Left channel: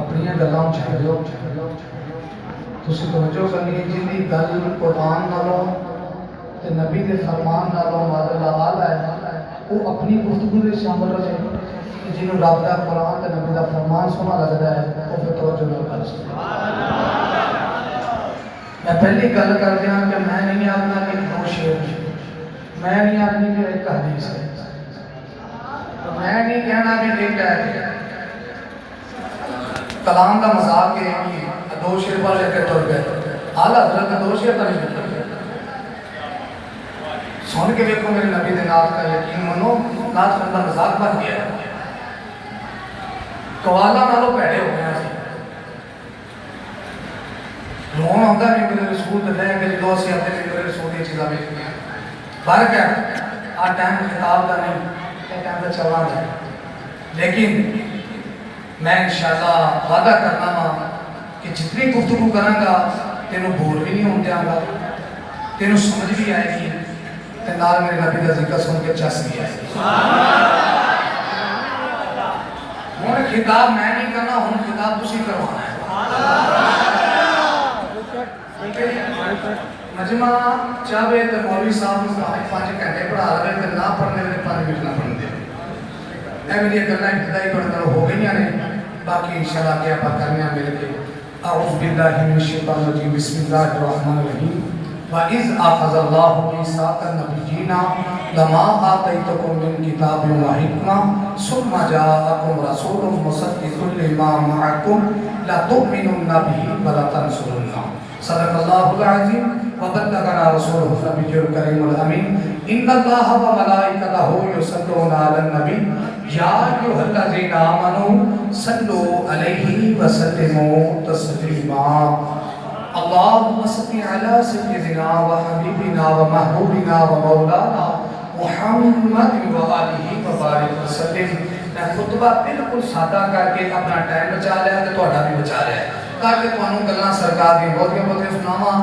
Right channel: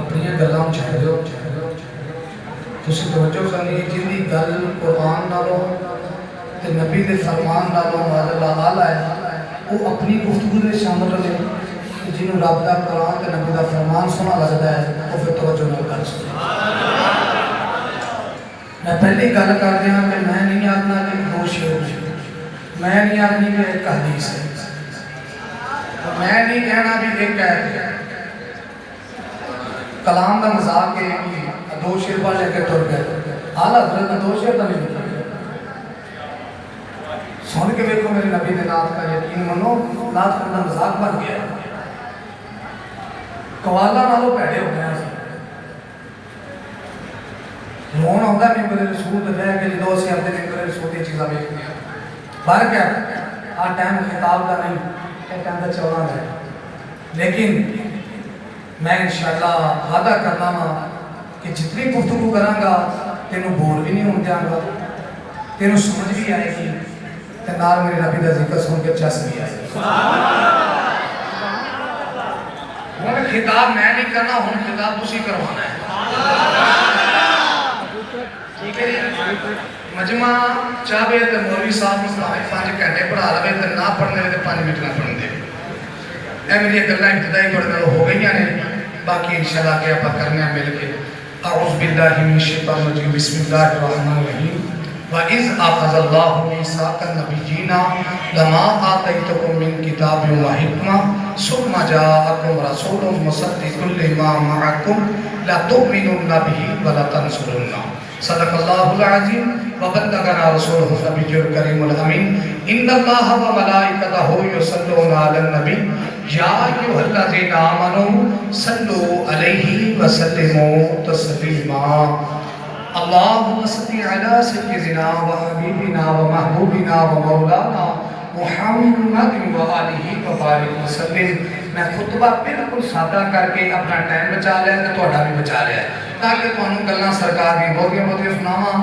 अपनी गल्लां छड्डो तुसीं तवज्जो करनी जिंदी गल कुरान नालों ते नबी दे फरमान नालों माज़अल्लाह आला है वो अपनी गुफ्तगू में शामिल रहे जिन्होंने रब का कुरान ते नबी का फरमान सोहना लगता है वो फिर तवज्जो नाल कर सकदा। मैं पहली गल कर दिया कि मैं नहीं आखना कि दो शेर, मैं नहीं आखनी कि एक हदीस है, मैं नहीं कहना भी एक है कलाम का मजाक है कि दो शेर पर लेकर तुर गए। हाल हजरत ने दो शेर का नहीं लिखा। सुन के देखो मेरे नबी के नाथ का यकीन मनो, नाथ का मजाक बन गया है। कवाला नालों भैड़े हो गए हैं। रोन आता नहीं मेरे रसूल के रह के जो असं आते नहीं मेरे रसूल की चीज़ा बेच गया बाहर क्या आ टाइम खिताब का नहीं एक टाइम का चलना है। लेकिन मैं इंशाअल्लाह वादा करना वा कि जितनी गुफ्तगू करांगा तेनों बोर भी नहीं होने देंगा, तेनों समझ भी आएगी ते नाल मेरे नबी का जिक्र सुन के चस भी आएगी। हुण खिताब मैं नहीं करना, हुण खिताब तुसीं करवाना है। मजमा चाहे तो मौलवी साहब को 5 घंटे पढ़ा लवे तो ना पढ़ने तो 5 मिनट ना पढ़न दे। ए मेरी गल्लां इब्तिदाई थोड़े नाल हो गई ने, बाकी इंशाअल्लाह के आप करने मिल के। अऊज़ु बिल्लाहि मिनश शैतानिर रजीम, बिस्मिल्लाहिर रहमानिर रहीम। व इज़ अख़ज़ल्लाहु मीसाक़न नबिय्यीना लमा आतैतुकुम मिन किताबिन व हिकमा सुम्मा जाअकुम रसूलुम मुसद्दिक़ुन लिमा मअकुम लतु'मिनुन्ना बिही व लतंसुरुन्ना। सदक़ल्लाहुल अज़ीम व बल्लगना रसूलुहुल नबिय्युल करीमुल अमीन। इन्नल्लाहा व मलाइकतहु युसल्लूना अलन नबी या अय्युहल्लज़ीना आमनू सल्लु अलैहि व सल्लिमू तस्लीमा। अल्लाहुम्मा सल्लि अला सय्यिदिना व हबीबिना व महबूबिना व मौलाना मुहम्मद व आलिहि व बारिक वसल्लिम। मैं खुतबा बिल्कुल सादा करके अपना टाइम बचा लिया तो तुहाडा भी बचा लिया ताकि तुहानू गल्लां सरकार दी बहुतियां सुनावां।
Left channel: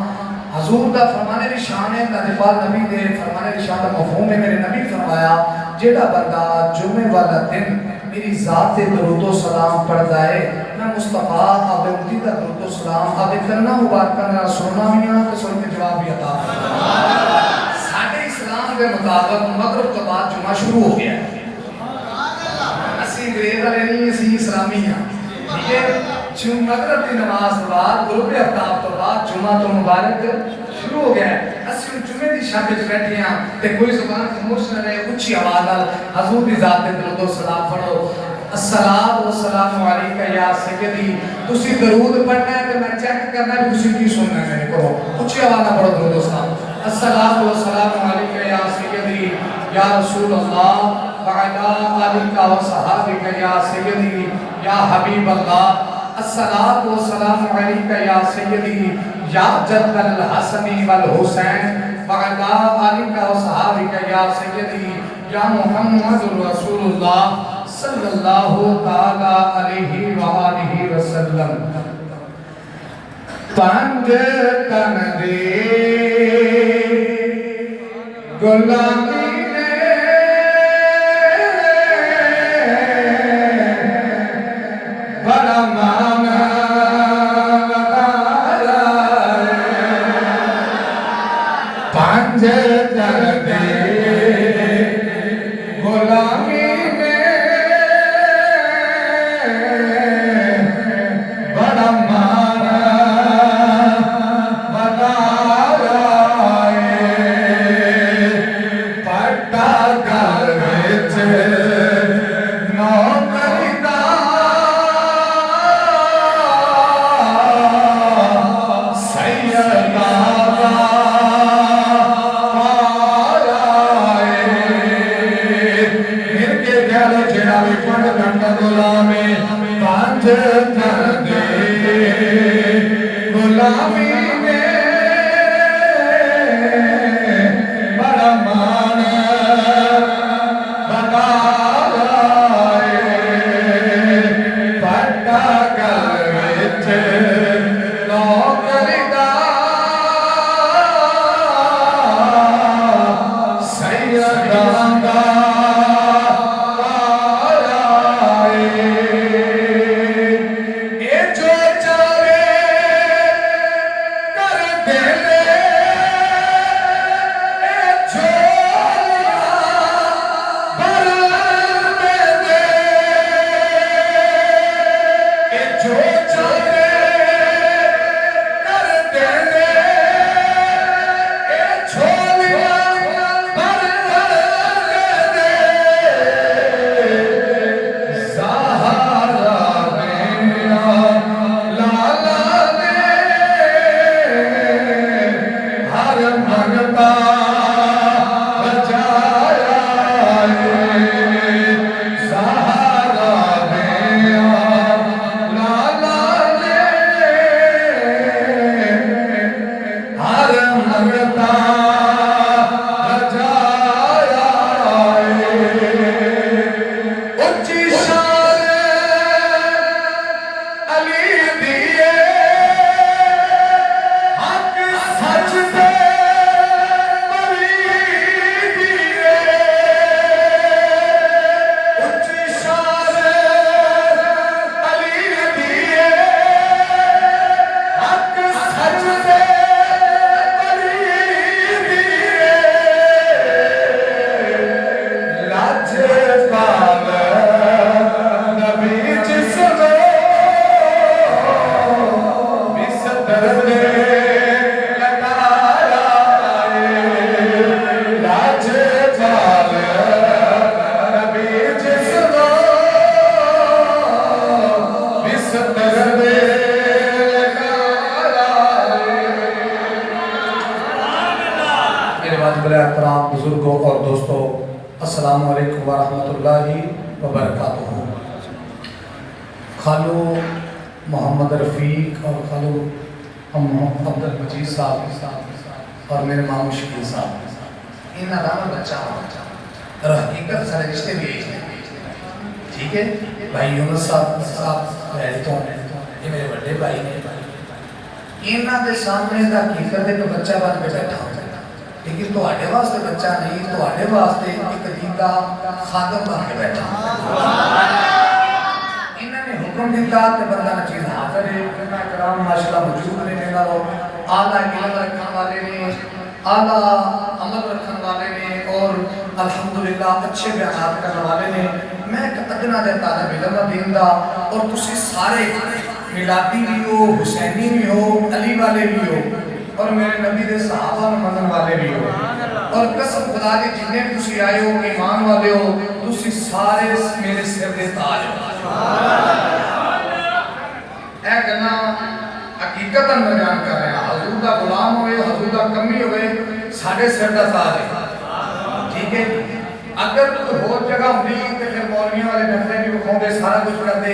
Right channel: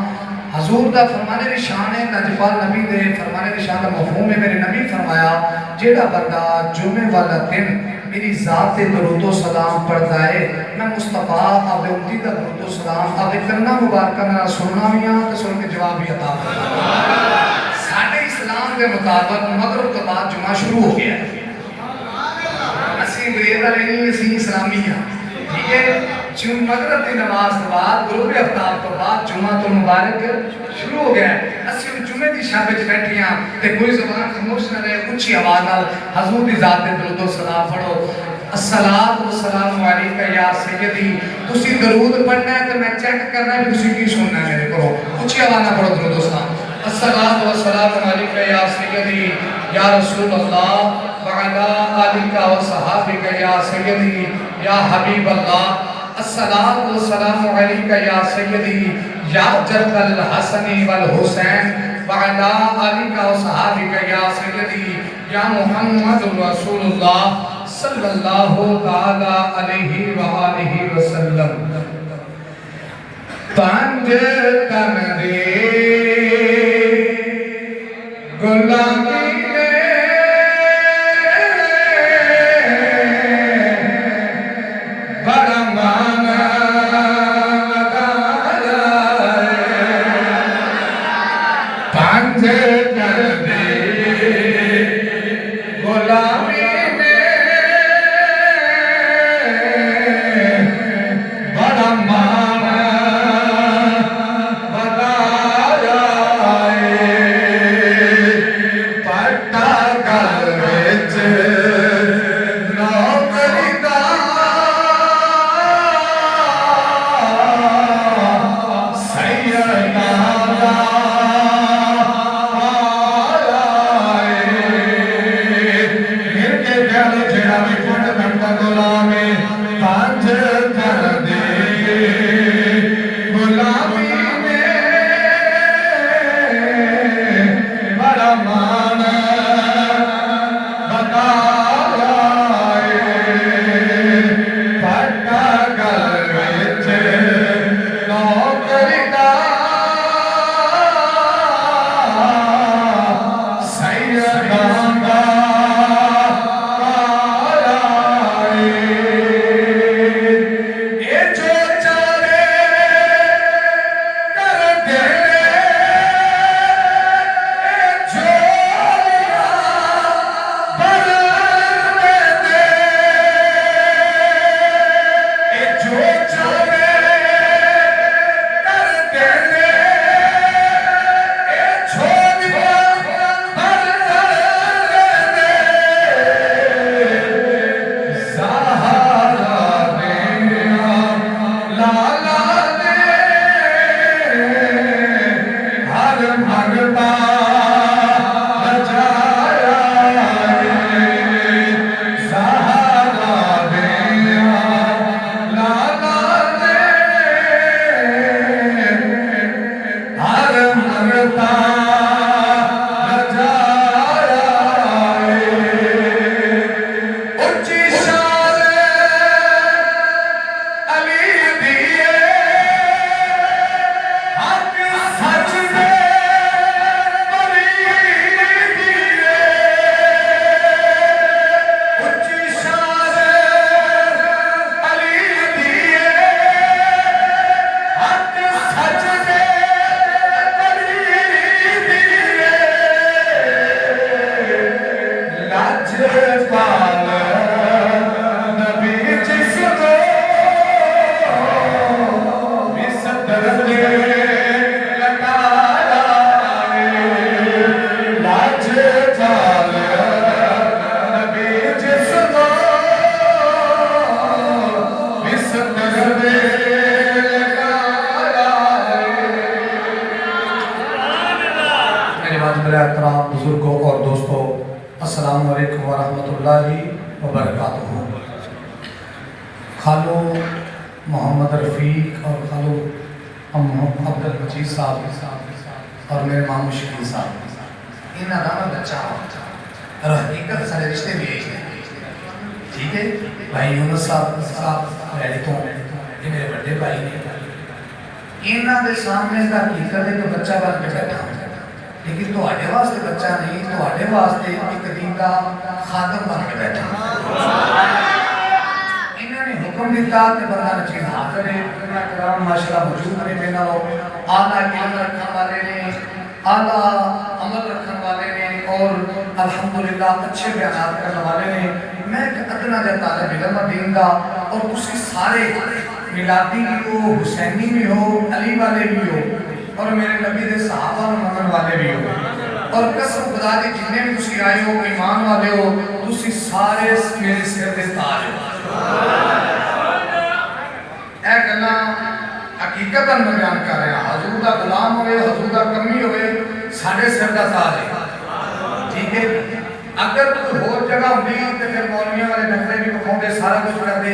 हजूर का फरमाने की शान है, नजफाल नबी दे फरमाने की शान का मफहूम है। मेरे नबी फरमाया जेड़ा बंदा जुमे वाला दिन मेरी ज़ात से दरूदो सलाम पढ़ता है, मैं मुस्तफा अपने उम्मती का दरूदो सलाम अपने कन्ना मुबारक नाल सुनना भी हां ते सुन के जवाब भी अता फरमाया। साडे इस्लाम के मुताबिक मगरिब के बाद जुमा शुरू हो गया है। असीं अंग्रेज वाले नहीं, असीं इस्लामी हां, ठीक है। मगरिब की नमाज के बाद गुरूब आफ्ताब तो बाद जुमा तो मुबारक शुरू हो गया है। असीं जुमे की शब च बैठे हां ते कोई ज़बान खामोश ना रहे, उच्ची आवाज़ नाल हजूर दी ज़ात दे दरूद सलाम पढ़ो। अस्सलातु वस्सलामु अलैका या सय्यदी। तुसी दरूद पढ़ना है तो मैं चेक करना भी तुसी की सुनना मेरे को। उच्ची आवाज़ नाल पढ़ो दरूद सलाम। अस्सलातु वस्सलामु अलैका या सय्यदी या रसूल अल्लाह व अला आलिका व सहाबिका या सय्यदी या हबीब अल्लाह। अस्सलातु वस्सलामु अलैका या सय्यदी या जद्दल हसनी वल हुसैन व अला आलिका व सहाबिका या सय्यदी या मुहम्मदुर रसूलुल्लाह सल्लल्लाहु तआला अलैहि व आलिहि वसल्लम। पंज तन दे गुलामी अहतराम बुजुर्गों और दोस्तों, अस्सलाम वालेकुम वरहमतुल्लाहि वबरकातुहू। खालू मोहम्मद रफ़ीक और खालू अब्दुल मजीद साहब और मेरे मामू शकील साहब इन्हें राम बच्चा और हकीकत सारे रिश्ते भी ठीक है। भाई यूनुस साहब रैली तो ये मेरे बड़े भाई ने, इन्हों के सामने का हकीकत है तो बच्चा बन के बैठा हो, लेकिन तुम्हारे वास्ते बच्चा नहीं, तुम्हारे वास्ते एक दिन का खादम बन के बैठा। इन्होंने हुक्म दिता तो बंदा नचीज हाजिर है, उलमा कराम माशाल्लाह मौजूद ने, मेरा आला इल्म रखने वाले ने, आला अमल रखने वाले ने और अल्हम्दुलिल्लाह अच्छे बयान करने वाले ने। मैं अदना दे तालिब इल्म दीन दा और तुसी सारे मिलादी भी हो, हुसैनी भी हो, अली वाले भी हो और मेरे नबी दे सहाबा मनन वाले भी हो, और कसम खुदा दी जिन्ने भी तुसी आए हो ईमान वाले हो, तुसी सारे मेरे सिर दे ताज हो। ए गल्ला हकीकतन मैं बयान कर रहा, हजूर दा गुलाम होवे, हजूर दा कमी होवे, साडे सिर दा ताज है, ठीक है। अगर कोई होर जगह होंदी ते फिर मौलवियों वाले नखरे भी विखाउंदे, सारा कुछ करदे।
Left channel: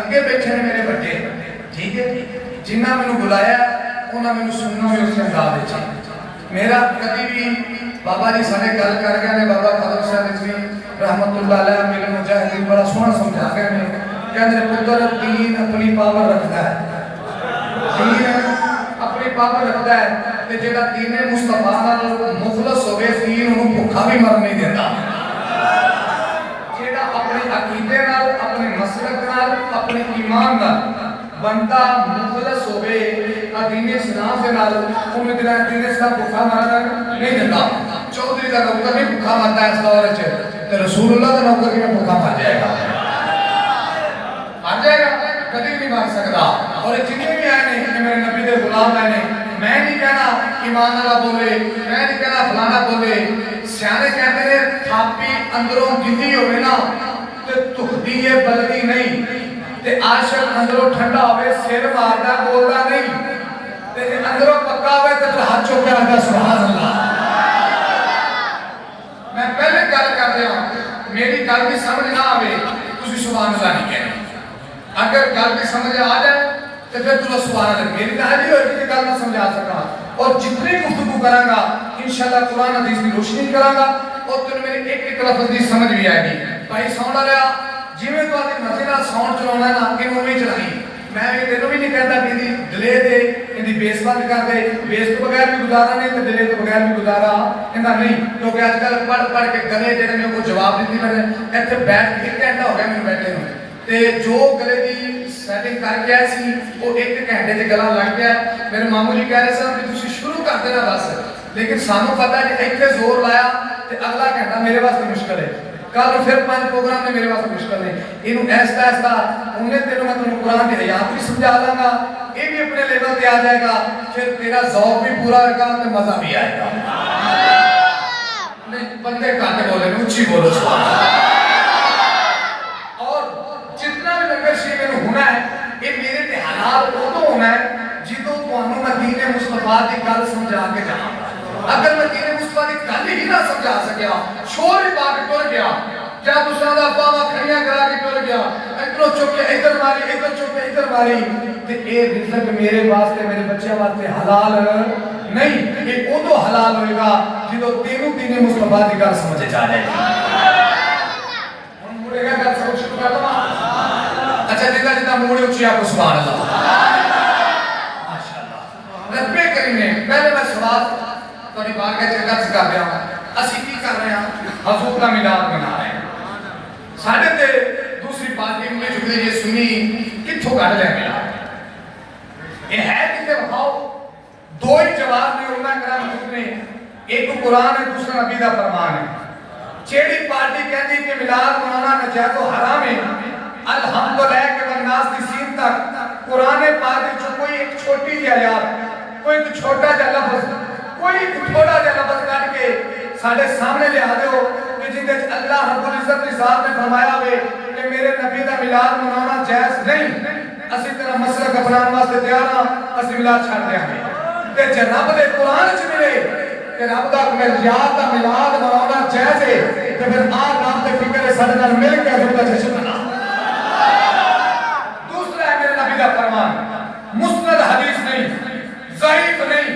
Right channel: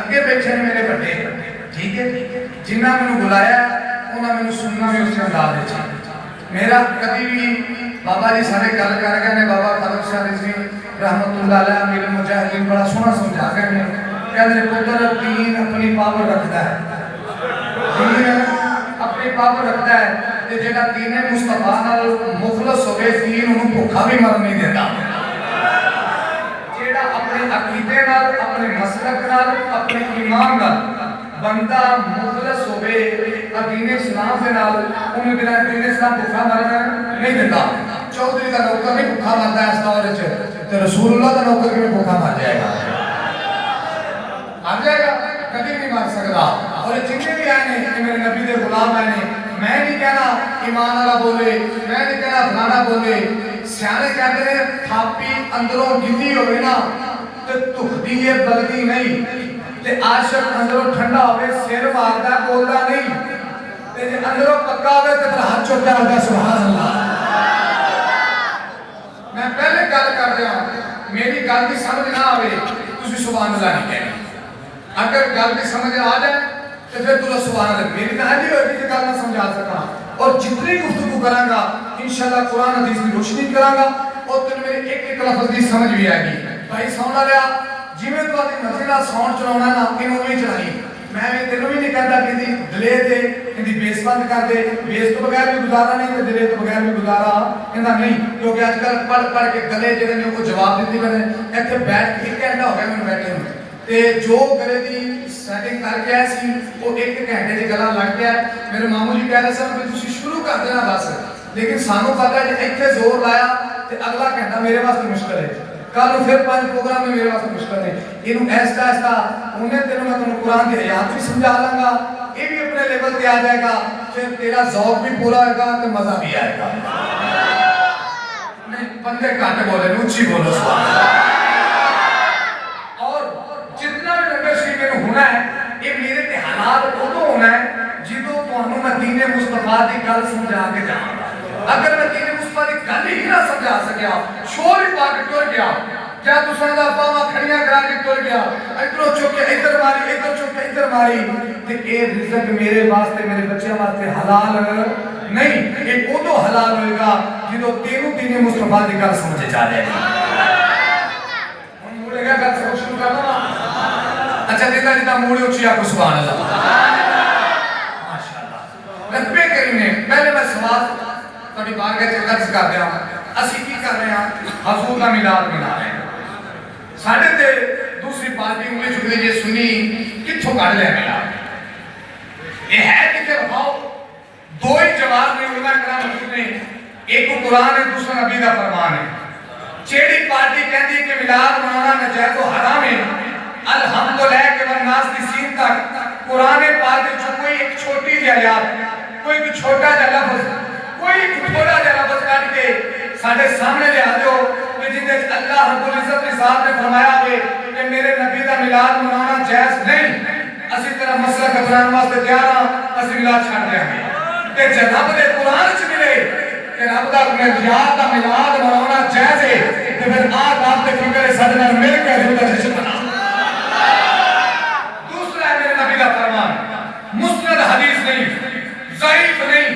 अगे बैठे ने मेरे बड़े, ठीक है, जिन्ना मैनू बुलाया उन्हें मैंने सुनना भी उसके अंदाज है। मेरा कभी भी बाबा जी सारे गल कर गए ने, बाबा खदम साहब जी रहमतुल्लाह अलैह मेरे मुजाहिदीन बड़ा सोहना समझा गए ने, कहते पुत्र दीन अपनी पावर रखता है, दीन अपनी पावर रखता है, ते जेड़ा दीन मुस्तफा नाल मुखलस होवे दीन उन्हें भुखा भी मर नहीं देता। जेड़ा अपने अकीदे नाल, अपने मसलक नाल, अपने ईमान नाल बंदा मुखलस होवे दीन इस्लाम के नाल, उन्हें बिना दीन इस्लाम भुखा मरना नहीं देता। चौधरी का नौकर भी भुखा मरता है इस दौर में, तो रसूलुल्लाह का नौकर भी भुखा मर जाएगा, मर जाएगा, कभी नहीं मर सकता। और जितने भी आए ने मेरे नबी दे गुलाम आए ने, मैं नहीं कहना ईमान वाला बोले, मैं नहीं कहना फलाना बोले। सियाने कहते हैं थापी अंदरों गिद्दी होवे ना तो तुखदी है बल्दी नहीं, ते आशिक अंदरों ठंडा होवे सिर मारदा बोलदा नहीं, ते अंदरों पक्का होवे ते फिर हाथ चुक के कहता सुभान अल्लाह। मैं पहले गल कर रहा हूं, मेरी गल की समझ ना आवे तुसी सुभान अल्लाह नहीं कहना। अगर गल की समझ आ जाए तो फिर तुला सुभान अल्लाह, मेरी तो हाजी होगी कि गल ना समझा सका। और जितनी गुफ्तगू करांगा इंशाअल्लाह कुरान हदीस की रोशनी करांगा और तेरे मेरे एक एक लफ्ज की समझ भी आएगी। भाई सौना रहा जिवें तू अपनी मर्जी नाल साउंड चलाउणा ना कि उवें ही चलाई। मैं भी तेनों भी नहीं कहता कि दी दिले दे इंदी बेस बंद कर दे, बेस तो बगैर भी गुजारा नहीं तो दिले तो बगैर भी गुजारा इंदा नहीं। लोग आजकल पढ़ पढ़ के गले जेडे ने को जवाब देती रहने। इत्थे बैठ के 1 घंटा हो गया मैनूं बैठे नूं, ते जो गले दी सेटिंग करके आया सी वो 1 घंटे च गला लग गया। मेरे मामू जी कह रहे सन कि तुसीं शुरू कर देना बस, लेकिन सानू पता है कि इत्थे जोर लाया ते अगला घंटा मेरे वास्ते मुश्किल है, कल फिर 5 प्रोग्राम में मेरे वास्ते मुश्किल है। इनू ऐसा ऐसा उन्हें तेरे मैं तुम कुरान की हयात भी समझा लांगा, ये भी अपने लेवल पे आ जाएगा, फिर तेरा ज़ौक़ भी पूरा होगा तो मजा भी आएगा। नहीं बंदे घट बोले ऊंची बोलो सुभान अल्लाह। और जितना भी लंगर शरीफ में होना है ये मेरे ते हलाल उदों होना है जिदों तुहानू मैं दीन मुस्तफा की गल समझा के जाऊंगा। अगर मैं दीन मुस्तफा की गल ही ना समझा सकिया, शोर ही पा के टुर गया, क्या तुसां दा बावा खड़ियां करा के टुर गया, इधरों चुक के इधर मारी, इधर चुक के इधर मारी, ते ये रिज़्क़ मेरे वास्ते मेरे बच्चों वास्ते हलाल नहीं, ये उदों हलाल होएगा जिदों तेनू दीन मुस्तफा की गल समझ जाए। हम मुड़ेगा गल सब शुरू कर दो। अच्छा जिदा जिदा मुड़े उच्ची आको सुभान अल्लाह माशाअल्लाह। नब्बे करीने पहले मैं सवाल कभी बागे ते अर्ज कर दिया, ਅਸੀਂ ਕੀ कर रहे हैं हजूर का मिलाद मना रहे हैं। साढ़े ते दूसरी पार्टी उंगली चुकनी जे सुनी कित्थों कढ़ लिया मिलाद, ये है किते बताओ। दो ही जवाब ने उलमा कराम ने, एक कुरान है दूसरा नबी का फरमान है। जेड़ी पार्टी कहती कि मिलाद मनाना नाजायज व हराम है, अल्हम्दुलिल्लाह के वन्नास की सीन तक कुरान पाक में कोई एक छोटी सी आयत, कोई छोटा सा लफ्ज, कोई थोड़ा सा लफ्ज काट के साडे सामने ले आ दो कि जिंदे अल्लाह रब्बुल इज्जत ने साहब ने फरमाया है कि मेरे नबी का मिलाद मनाना जायज नहीं, असि तेरा मसला अपनाने वास्ते तैयार हां, असि मिलाद छड़ देंगे। ते जनाब दे कुरान च मिले कि रब दा याद दा मिलाद मनाना जायज है ते फिर आज आपके फिक्र सारे नाल मिल के हजूर दा जश्न मना। दूसरा है मेरे नबी दा फरमान, मुस्नद हदीस नहीं, ज़ईफ नहीं,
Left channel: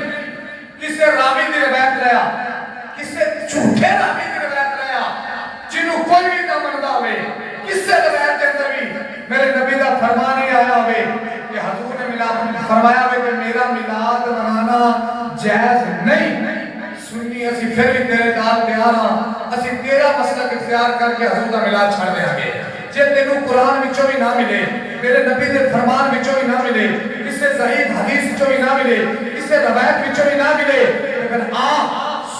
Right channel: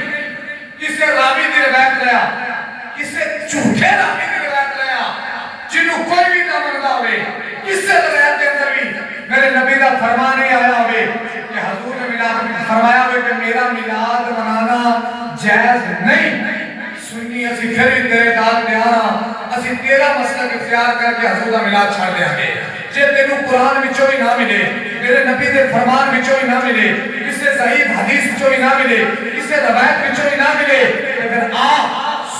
किसे रावी दी रिवायत लिया, किसे झूठे रावी दी रिवायत लिया, जिन्हों कोई भी ना मनदा होवे, किसे रिवायत के अंदर भी मेरे नबी दा फरमान ही आया होवे कि हजूर ने मिलाद फरमाया होवे कि मेरा मिलाद मनाना जायज नहीं। सुन्नी असी फिर भी तेरे दाद प्यार हां, असी तेरा मसलक इख्तियार करके हजूर दा मिलाद छड़ देंगे। जे तेनू कुरान विचों ही ना मिले, मेरे नबी दे फरमान विचों ही ना मिले, किसे ज़ईफ हदीस विचों ही ना मिले, किसे रवायत विचों ही ना मिले, ते फिर आ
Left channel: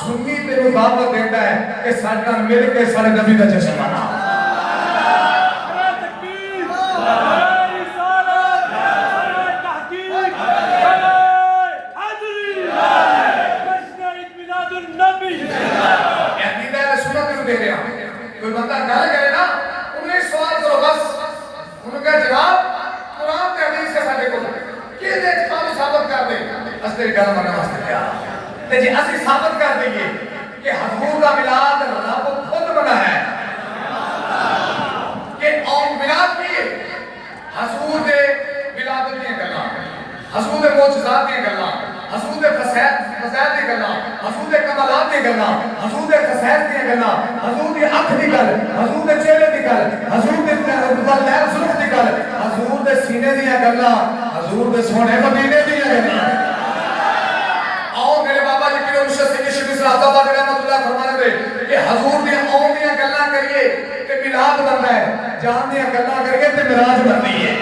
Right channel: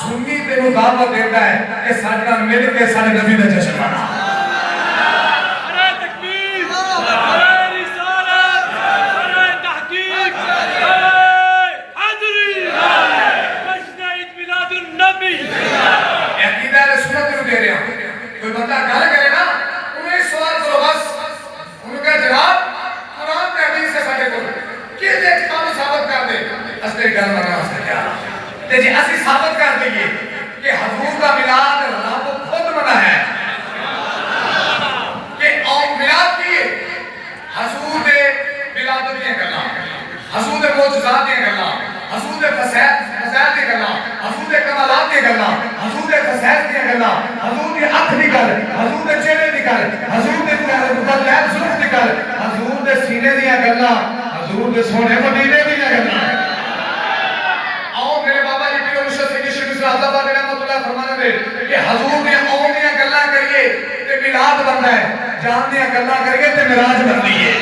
सुन्नी तेनू दावत देता है कि साडे नाल मिल के साडे नबी दा जश्न मना। नारे तकबीर, नारे रिसालत, नारे तहकीक, नारे हाज़री, जश्न ईद मिलादुन नबी। ये अकीदा रसूलत नू दे रहा। कोई बंदा गल करे ना, उन्हें सवाल करो बस, उनका जवाब कुरान ते हदीस से साडे कोल के दे कानू साबित कर दे, असली गल मना असली क्या ते जे असली साबित कर देंगे कि हजूर का मिलाद रब खुद मना है कि और मिलाद की हजूर दे मिलाद दी गल्लां, हजूर दे मौजूदात दी गल्लां, हजूर दे फज़ाइल दी गल्लां, हजूर दे कमालात दी गल्लां, हजूर दे फज़ाइल दी गल्लां, हजूर दी अख दी गल, हजूर दे चेहरे दी गल, हजूर दे लैल सुल्फ दी गल, हजूर दे सीने दी गल्लां, हजूर दे सोने मदीने दी गल्लां। आओ मेरे बाबा जी पीर मुर्शिद सैयद शेख इस्लामाबाद रहमतुल्लाह फरमाने दे कि हजूर दी आउण दी गल्लां करिए ते मिलाद बनदा है, जान दी गल्लां करिए ते मिराज बनदी है।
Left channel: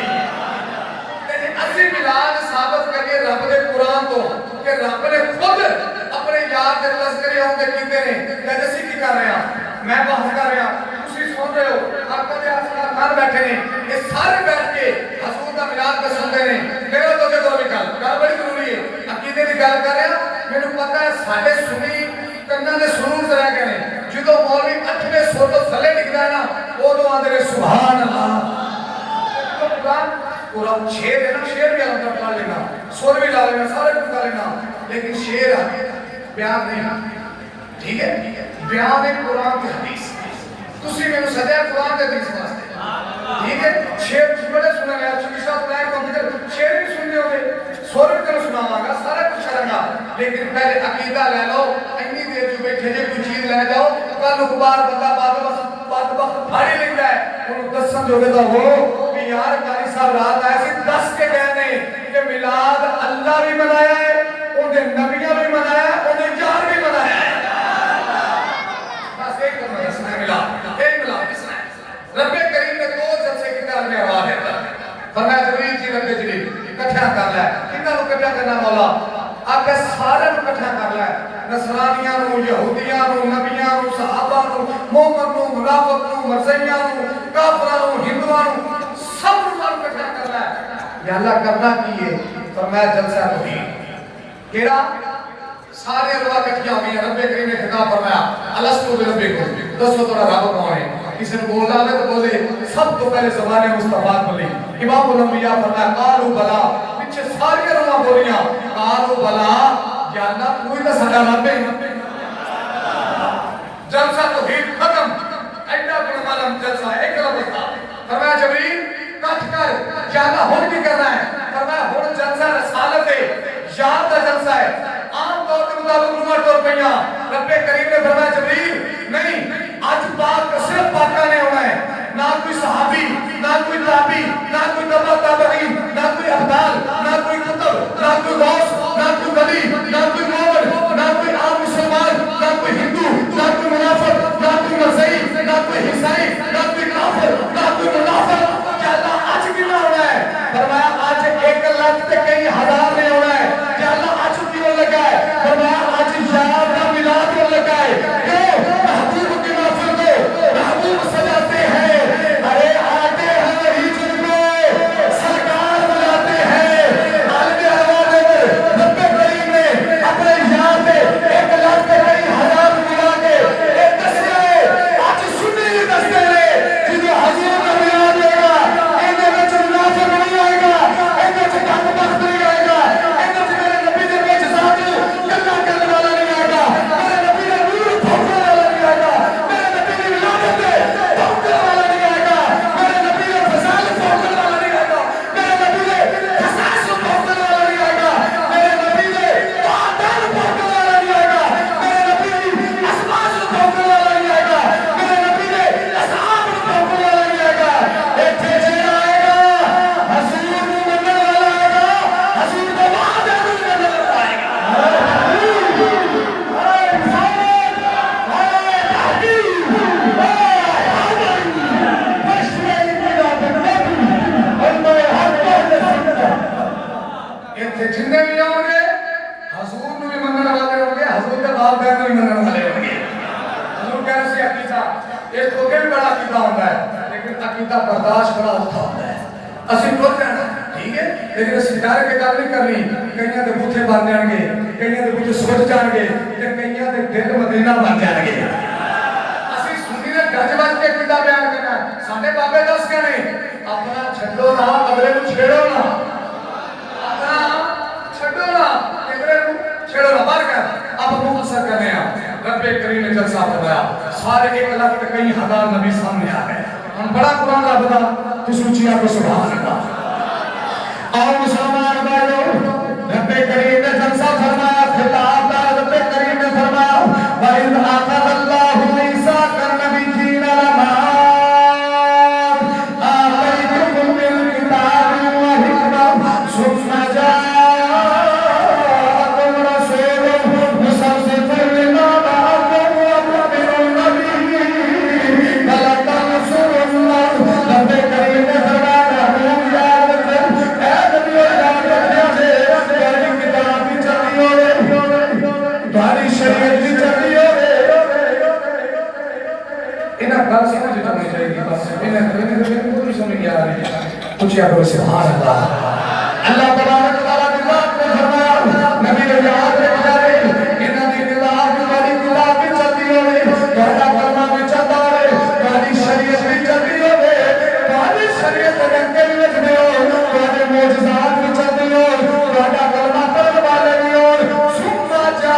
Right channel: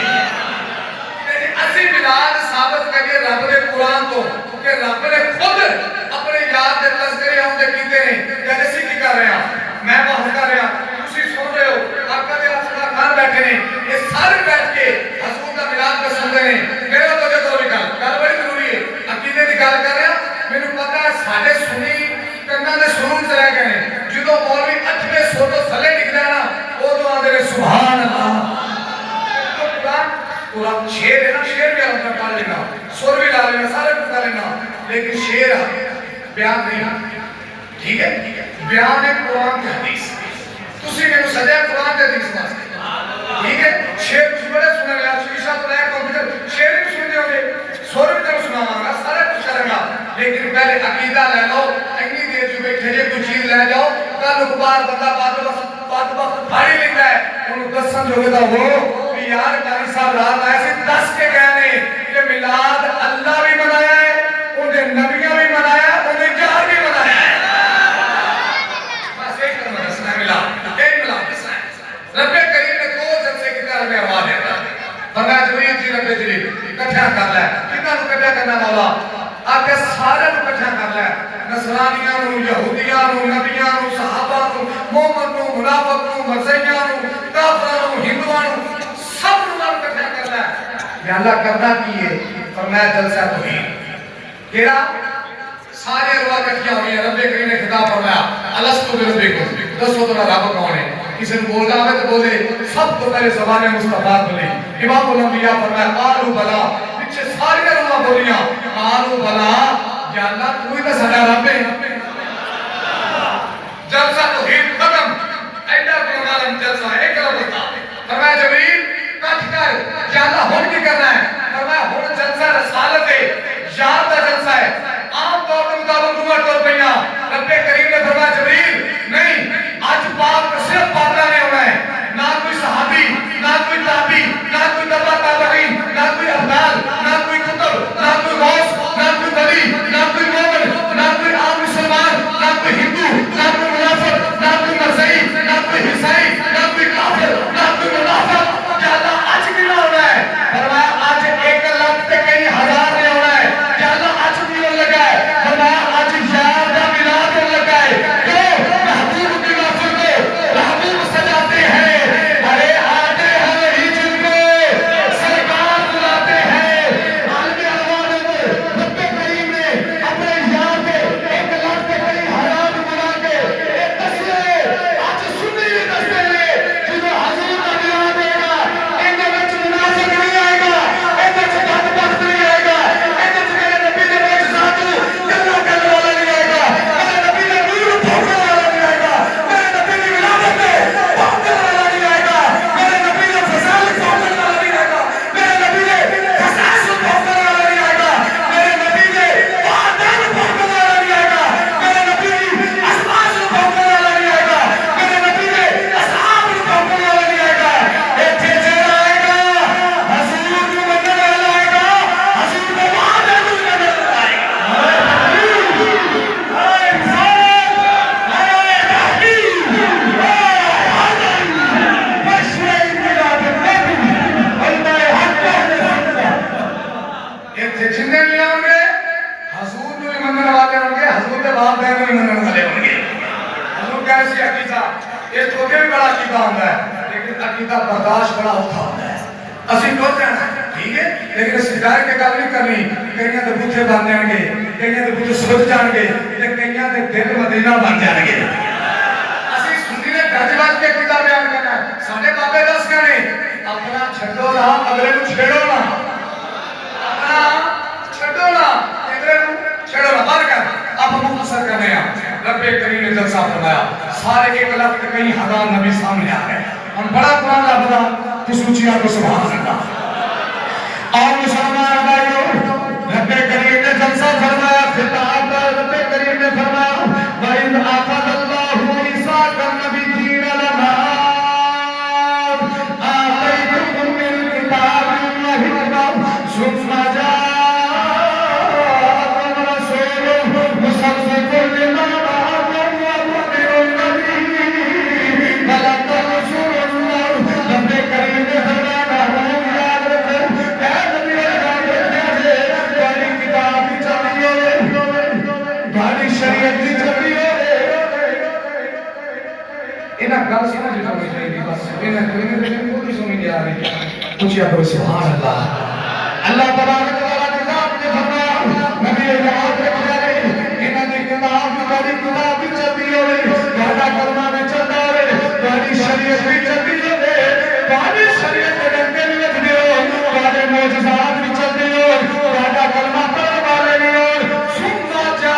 असि मिलाद साबित करिए रब दे कुरान तो कि रब ने खुद अपने याद दे तज़किरे आउंदे कीते ने। ते असि की कर रहे हां, मैं बात कर रहा, तुसी सुन रहे हो, आका दे अफसर खान बैठे ने, ये सारे बैठ के हजूर दा मिलाद पे सुनदे ने। मेरे तो जो भी गल बड़ी जरूरी है, अकीदे दी गल कर रहा। मैनू पता है साडे सुनी कंनां दे सुनन च रह गए ने, जदों मौलवी 8वें सौ तो थल्ले निकलदा ना उदों आंदे ने सुभान अल्लाह। पूरा शेर है ना, शेर भी अंदर पढ़ लेना, सुर भी ला लेना, सारे कुछ कर लेना, लेकिन शेर बयान नहीं। ठीक है, बयान है कुरान की हदीस। तुसी मेनू सजाया कुरान की हदीस वास्ते, ठीक है। शेर कुछ बड़े सुने यार, शीशा तो लाया कंप्यूटर, शेर भी सुनने होंगे, सुर भी तेरे सुनावांगा, सारा कुछ करूंगा, लेकिन पहले अकीदा ले लो। इतनी देर जो बैठे जे कोई चीज ले जाओ, कल अखबार बंदा बात फाड़ी लेता है, उन्हें दसन जोगे तो वो यार कारी साहब रात ऐसे 10 के गए ने कि मिलाद अल्लाह भी मनाया है, उन्हें नबियां भी मनाया है, उन्हें यार भी मनाया है। बस एक करना दसना है मिलाद, एक मिलाद दसना है। रब्बे करीम ने दो जलसे की तरह में आवाज देता, फरमाया जबरील जी रब्बे जलील इकट्ठा कर ले, कितना इकट्ठा करना मौला, आके सारे इकट्ठा कर ले, नसरानियां नु, यहूदियां नु, नबियां नु, सहाबा नु, मोमिन नु, मुनाफिक नु, मरज़ियां नु, काफिरां नु, हिंदुआं नु, सब नाल इकट्ठा करना है। या अल्लाह करना की है, फरमाया जलसा तौहीद केड़ा, सारे अरवाह इकट्ठियां हुई हैं। रब्बे करीम ने खिताब फरमाया अलस्तु बिरब्बिकुम, दसो तो रब कौन है। किसी ने बोलना है तो बोले, सब तो पहले ज़बान मुस्तफा बोले। इमाम उल अंबिया फरमाया कालू बला, पीछे सारी अरवाह बोलियां कालू बला, या अल्लाह तू ही तो साडा रब है। जलसा तौहीद खत्म, ऐडा गुलमालम जलसा एक लफ्ज़ था। फरमाया जबरील कट कर, या अल्लाह हुन की करना है। फरमाया हुन जलसा रसालत है, याद दा जलसा है। आम तौर पे मुताबिक उमर तौर पे रब्बे करीम ने फरमाया जबरील नहीं, आज बात सिर्फ पाका ने होना है, ना कोई सहाबी, ना कोई ताबी, ना कोई तबा ताबईन, ना कोई अब्दाल, ना कोई कुतुब, ना कोई गौस, ना कोई वली, ना कोई मोमिन, ना कोई आम मुसलमान, ना कोई हिंदू, ना कोई मुनाफिक, ना कोई मसीही, ना कोई ईसाई, ना कोई काफिर, ना कोई मुनाफिक। क्या अल्लाह आज भी ना होना है? फरमाया आज 1 लाख ते कई हजार ने होना है। क्या अल्लाह आज भी होने लगा है? फरमाया आज यार का मिलाद होने लगा है। क्यों? महबूब की नफरत को मनने वाले होंगे, हजूर के बाप बहन भी मनने वाले होंगे। हजूर कह रहे थे अकीदा ये छोटे भी बड़ा अकीदा होता है, लेकिन अकीदा बर्दाश्त बड़ा औखा होता है। असि बोल जाना ठीक है, लेकिन इस हिदायत के गल नहीं करनी। कईयां दे बूथे बन जाएंगे, कईयां दे बूथे सुध जाएंगे, ते कईयां दे दिल मदीना बन जाएंगे। असि सुन्नी ने गजवज के अकीदा बयान करना है। साडे बाबे दस कहने अपना छड्डो ना, अगले को छेड़ो ना। अपना छड्डो ना, अगले को छेड़ो ना। बार कर आप मुख्तसर कर रहे हैं। रब्बे करीम ने जलसा फरमाया, सारे 1 लाख के कई हजार नबी सामने आ गए। हम बड़ा कुरान रबदा तू सूचिया को सुभान अल्लाह। और मुसलमान भाइयों, रब्बे करीम ने जलसा फरमाया, खिताब का रब्बे करीम ने फरमाया व इन अखज़ल्लाहु मीसाक़न नबिय्यीन लमा आतैतुकुम मिन किताबिन व हिकमत सुम्मा जाअकुम रसूलुन मुसद्दिक़ुन लिमा मअकुम व मु'मिनुन बिही व लतंसुरुन्नाह। रब्बे करीम ने फरमाया गाड़ी शरीयत की चली है। इन्हें गल समझ जानी चाहिए, बस इन्हें कोई समझ नहीं आ रही। कुछ या कोई सुभान अल्लाह। अल्लाह तबारक व तआला ने फरमाया नबी ने जवाब दिया इन्हां दी किताब गाड़ी किताब भी चलती होवे, गाड़ा कलमा भी चलता होवे, गाड़ी शरीयत भी चलती होवे, गाड़ी शरीयत दे डंके भी लिखदे हो, गाड़े मौजूदात भी चलते हो, गाड़ा कलमा पढ़न वाले भी हो। सुम्मा जा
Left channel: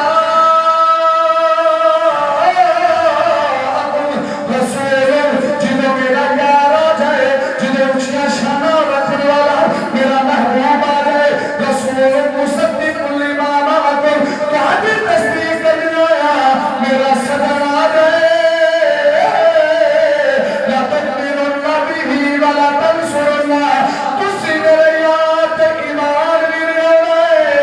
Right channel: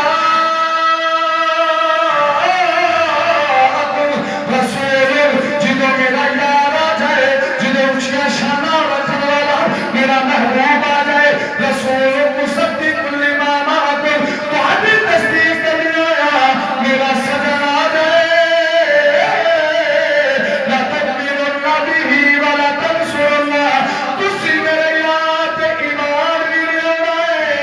जिदों मेरा यार आ जाए, जिदों ऊंचियां शाना रखने वाला मेरा महबूब आ जाए। रसूल मुसद्दिक़ुन लिमा मअकुम, तुहाडी तस्दीक करनी होया मेरा सदन आ जाए। ला तुमिनुन बिही व ला तंसुरुन्नाह, तुसी मेरे यार ते ईमान भी रखना है,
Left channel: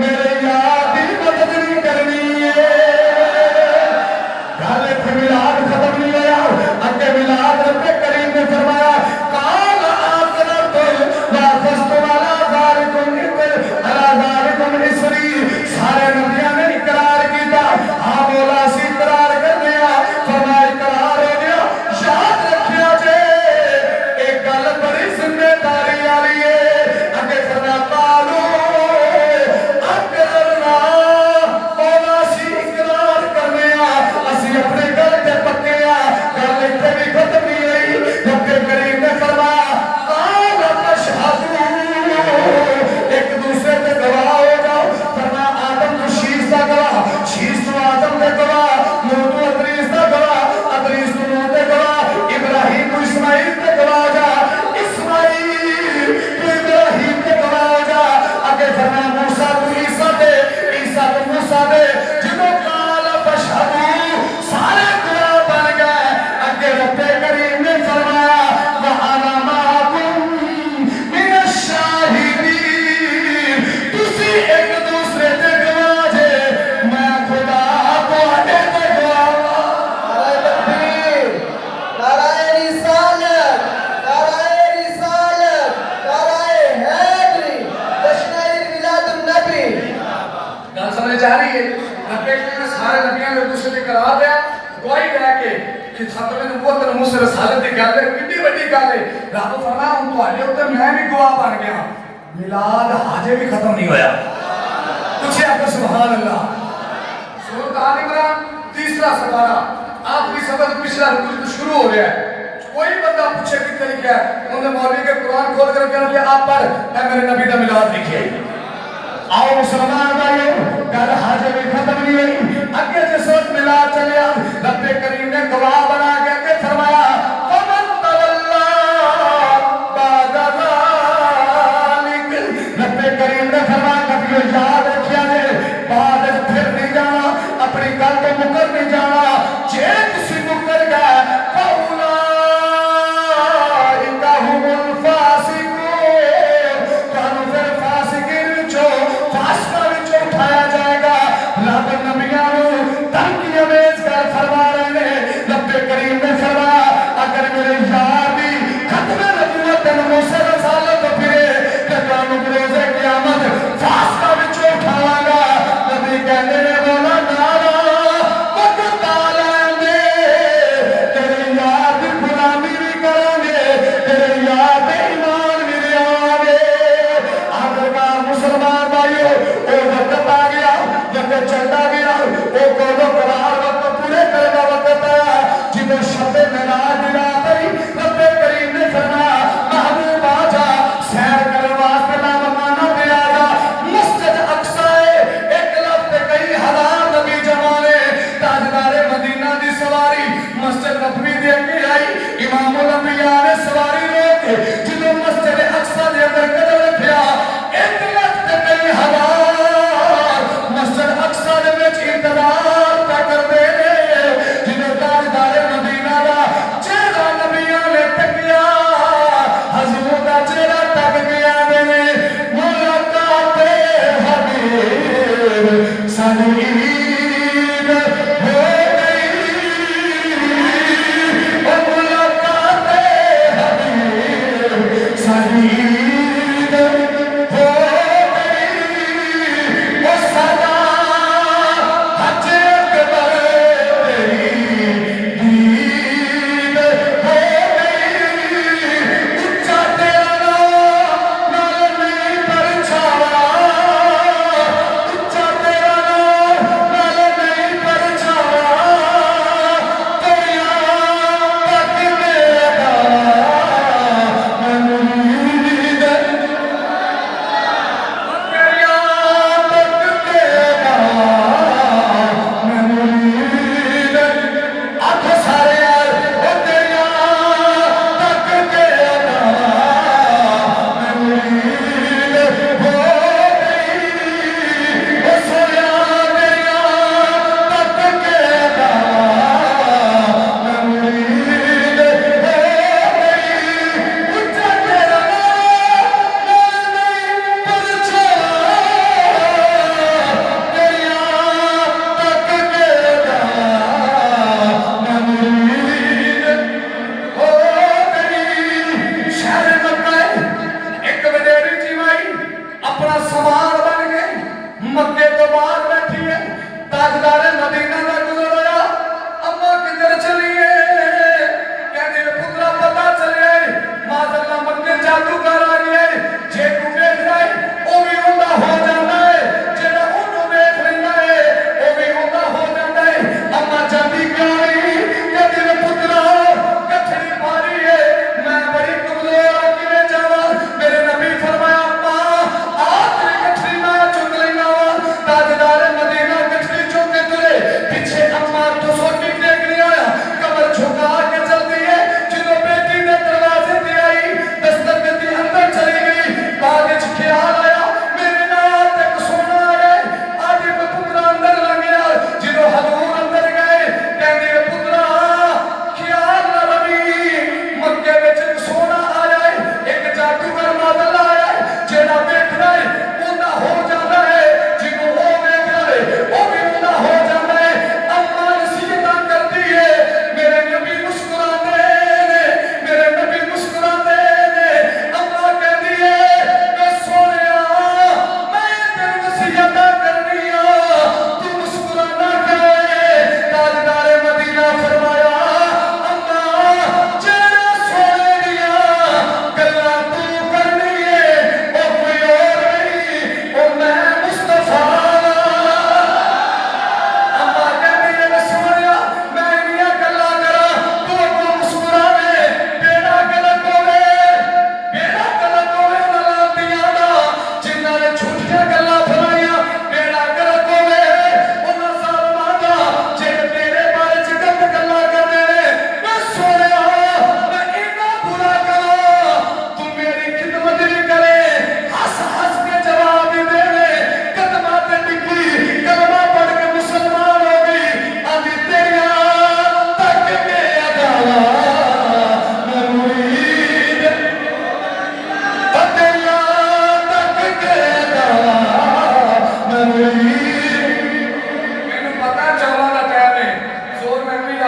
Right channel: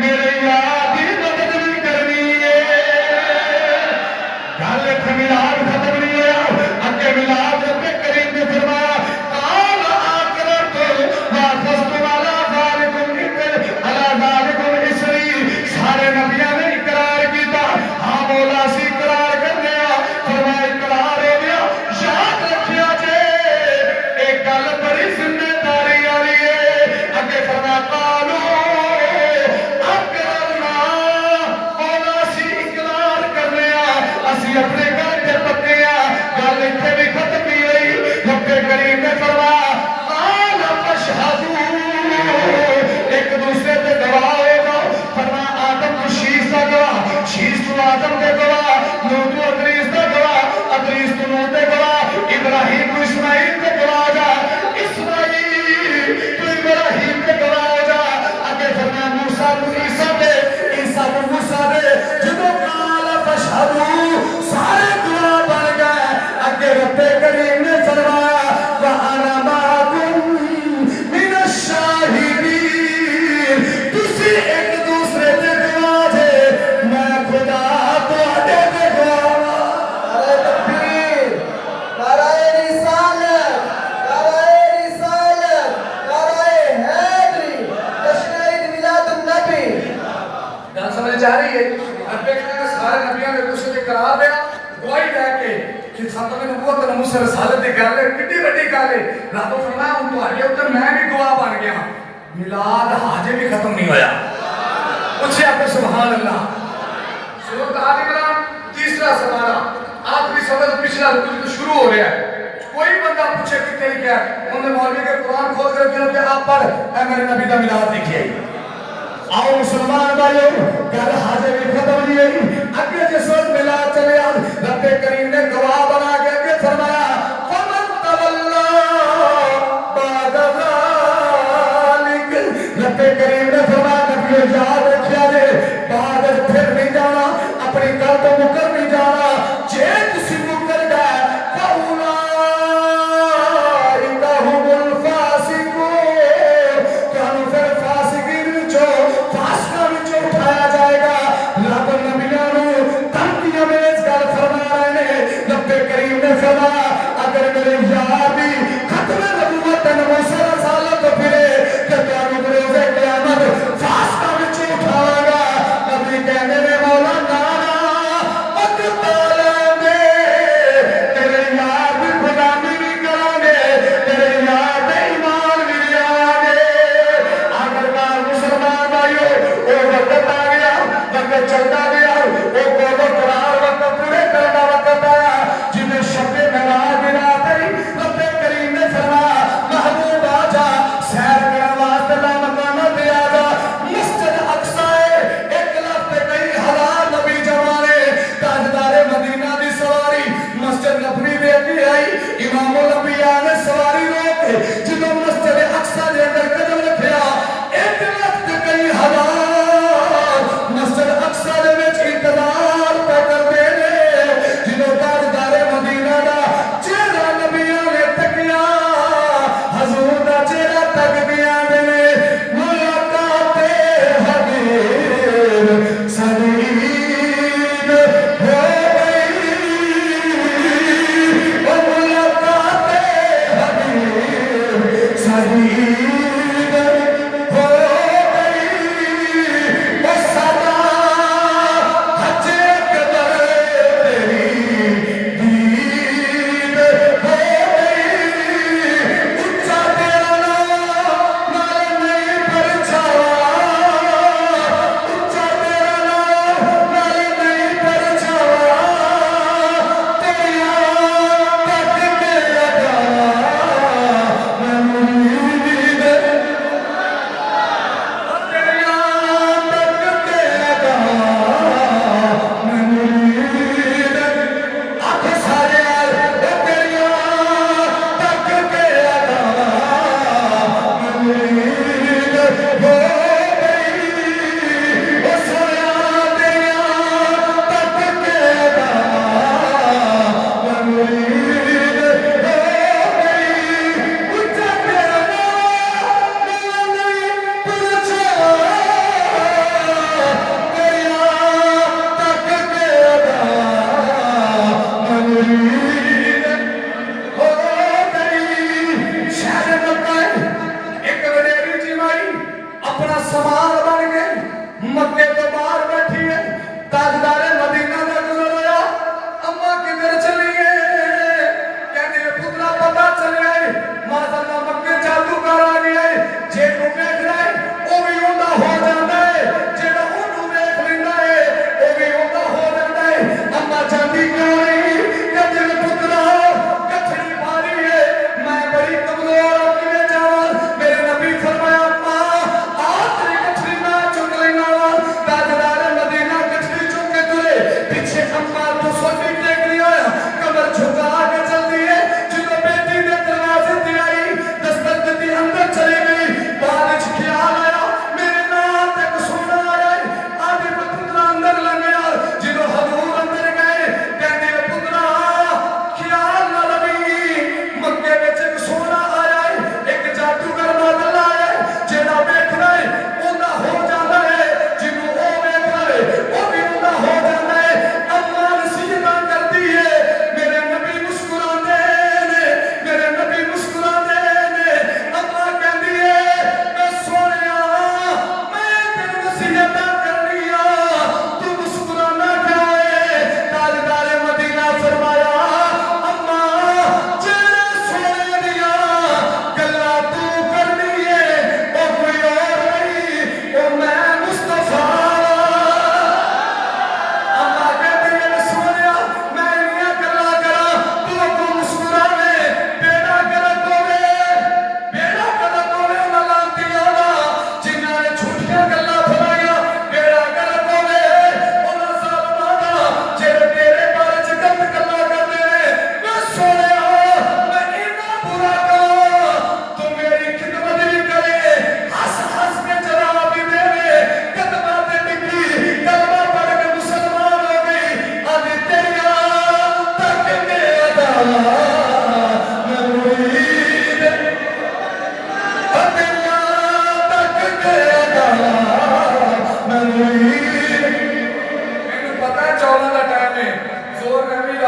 मेरे यार दी मदद भी करनी है। गल इत्थे मिलाद खत्म नहीं होया, अगे मिलाद रब्बे करीम ने फरमाया काल आकरतुम वाफस्तु अला ज़ालिकुम अला ज़ालिकुम इसरी। सारे नबियां ने इकरार किया, हां मौला सी इकरार करने आ। फरमाया इकरार हो गया, याद रखियो जे एक गल बड़ी जिम्मेदारी वाली है। अगे फरमाया कालो अकरना, मौला सी इकरार करने आ, असि अपने गल ते पक्के आ। गल इत्थे भी खत्म नहीं हुई। रब्बे करीम ने फरमाया काल फशहदू, एक दूसरे पे गवाह हो जाओ। फरमाया आदम को शीश का गवाह, शीश को आदम के गवाह, नूह को अदरीस का गवाह, अदरीस को नूह के गवाह, इब्राहिम को इस्माइल के गवाह हो जा, इस्माइल को इब्राहिम के गवाह हो जा। आगे फरमाया मूसा को ईसा के, ईसा को मूसा दे। जिदों काल फशहदू सारे गवाह बन गए। आगे रब्बे करीम ने फरमाया व अना माकुम मिनश शाहिदीन, तुसी एक दूसरे दे गवाह जे, मैं खुदा तुहाडे दे गवाह। नाराए तकबीर, नाराए रिसालत, नाराए रिसालत, नाराए हैदरी, जश्न ईद मिलादुन नबी। गल समझ आ रही है। रब्बे करीम ने सारे नबियों ने दूसरे ते करार दिया, गवाही दे के कि सतवें नबूवत और मूसा रसालत दी गल है, कितनी बड़ी गल है। रब फरमाया हुन तुहाडे उत्ते मैं भी गवाह बन गया। मिलाद हाजे भी खत्म नहीं होया। पूछे आप सुभान अल्लाह। सूरत आल इमरान तीसरा सवाला, आखिरी सबक पिछला रुकू शुरू हो रहा है। कोई बंदा पूछे कितने लिखा है, उन्हें मौलवी के कुरान खोल कर कहोगे आप पढ़, ऐ मेरे नबी दा मिलाद लिखे। आओ मुसलमान भाइयों, गल हाजे भी खत्म नहीं हुई। अगे जिस वक्त मिलाद चलिया, रब्बे करीम ने गवाह बना के अगे फरमाया फमन तवल्ला बाद ज़ालिक। रब्बे करीम ने फरमाया नबियों याद रखिया जे, बाद फिर नहीं जाना, अपनी गल तो मुकर नहीं जाना। जे तुसी मुकर गए फउलाइका हुमुल फासिकून, कानू फिर फासिकीन विचों फासिकां विचों उठाया जाएगा। रब नबियां नूं धमकियां में इस गल फरमा रहे ने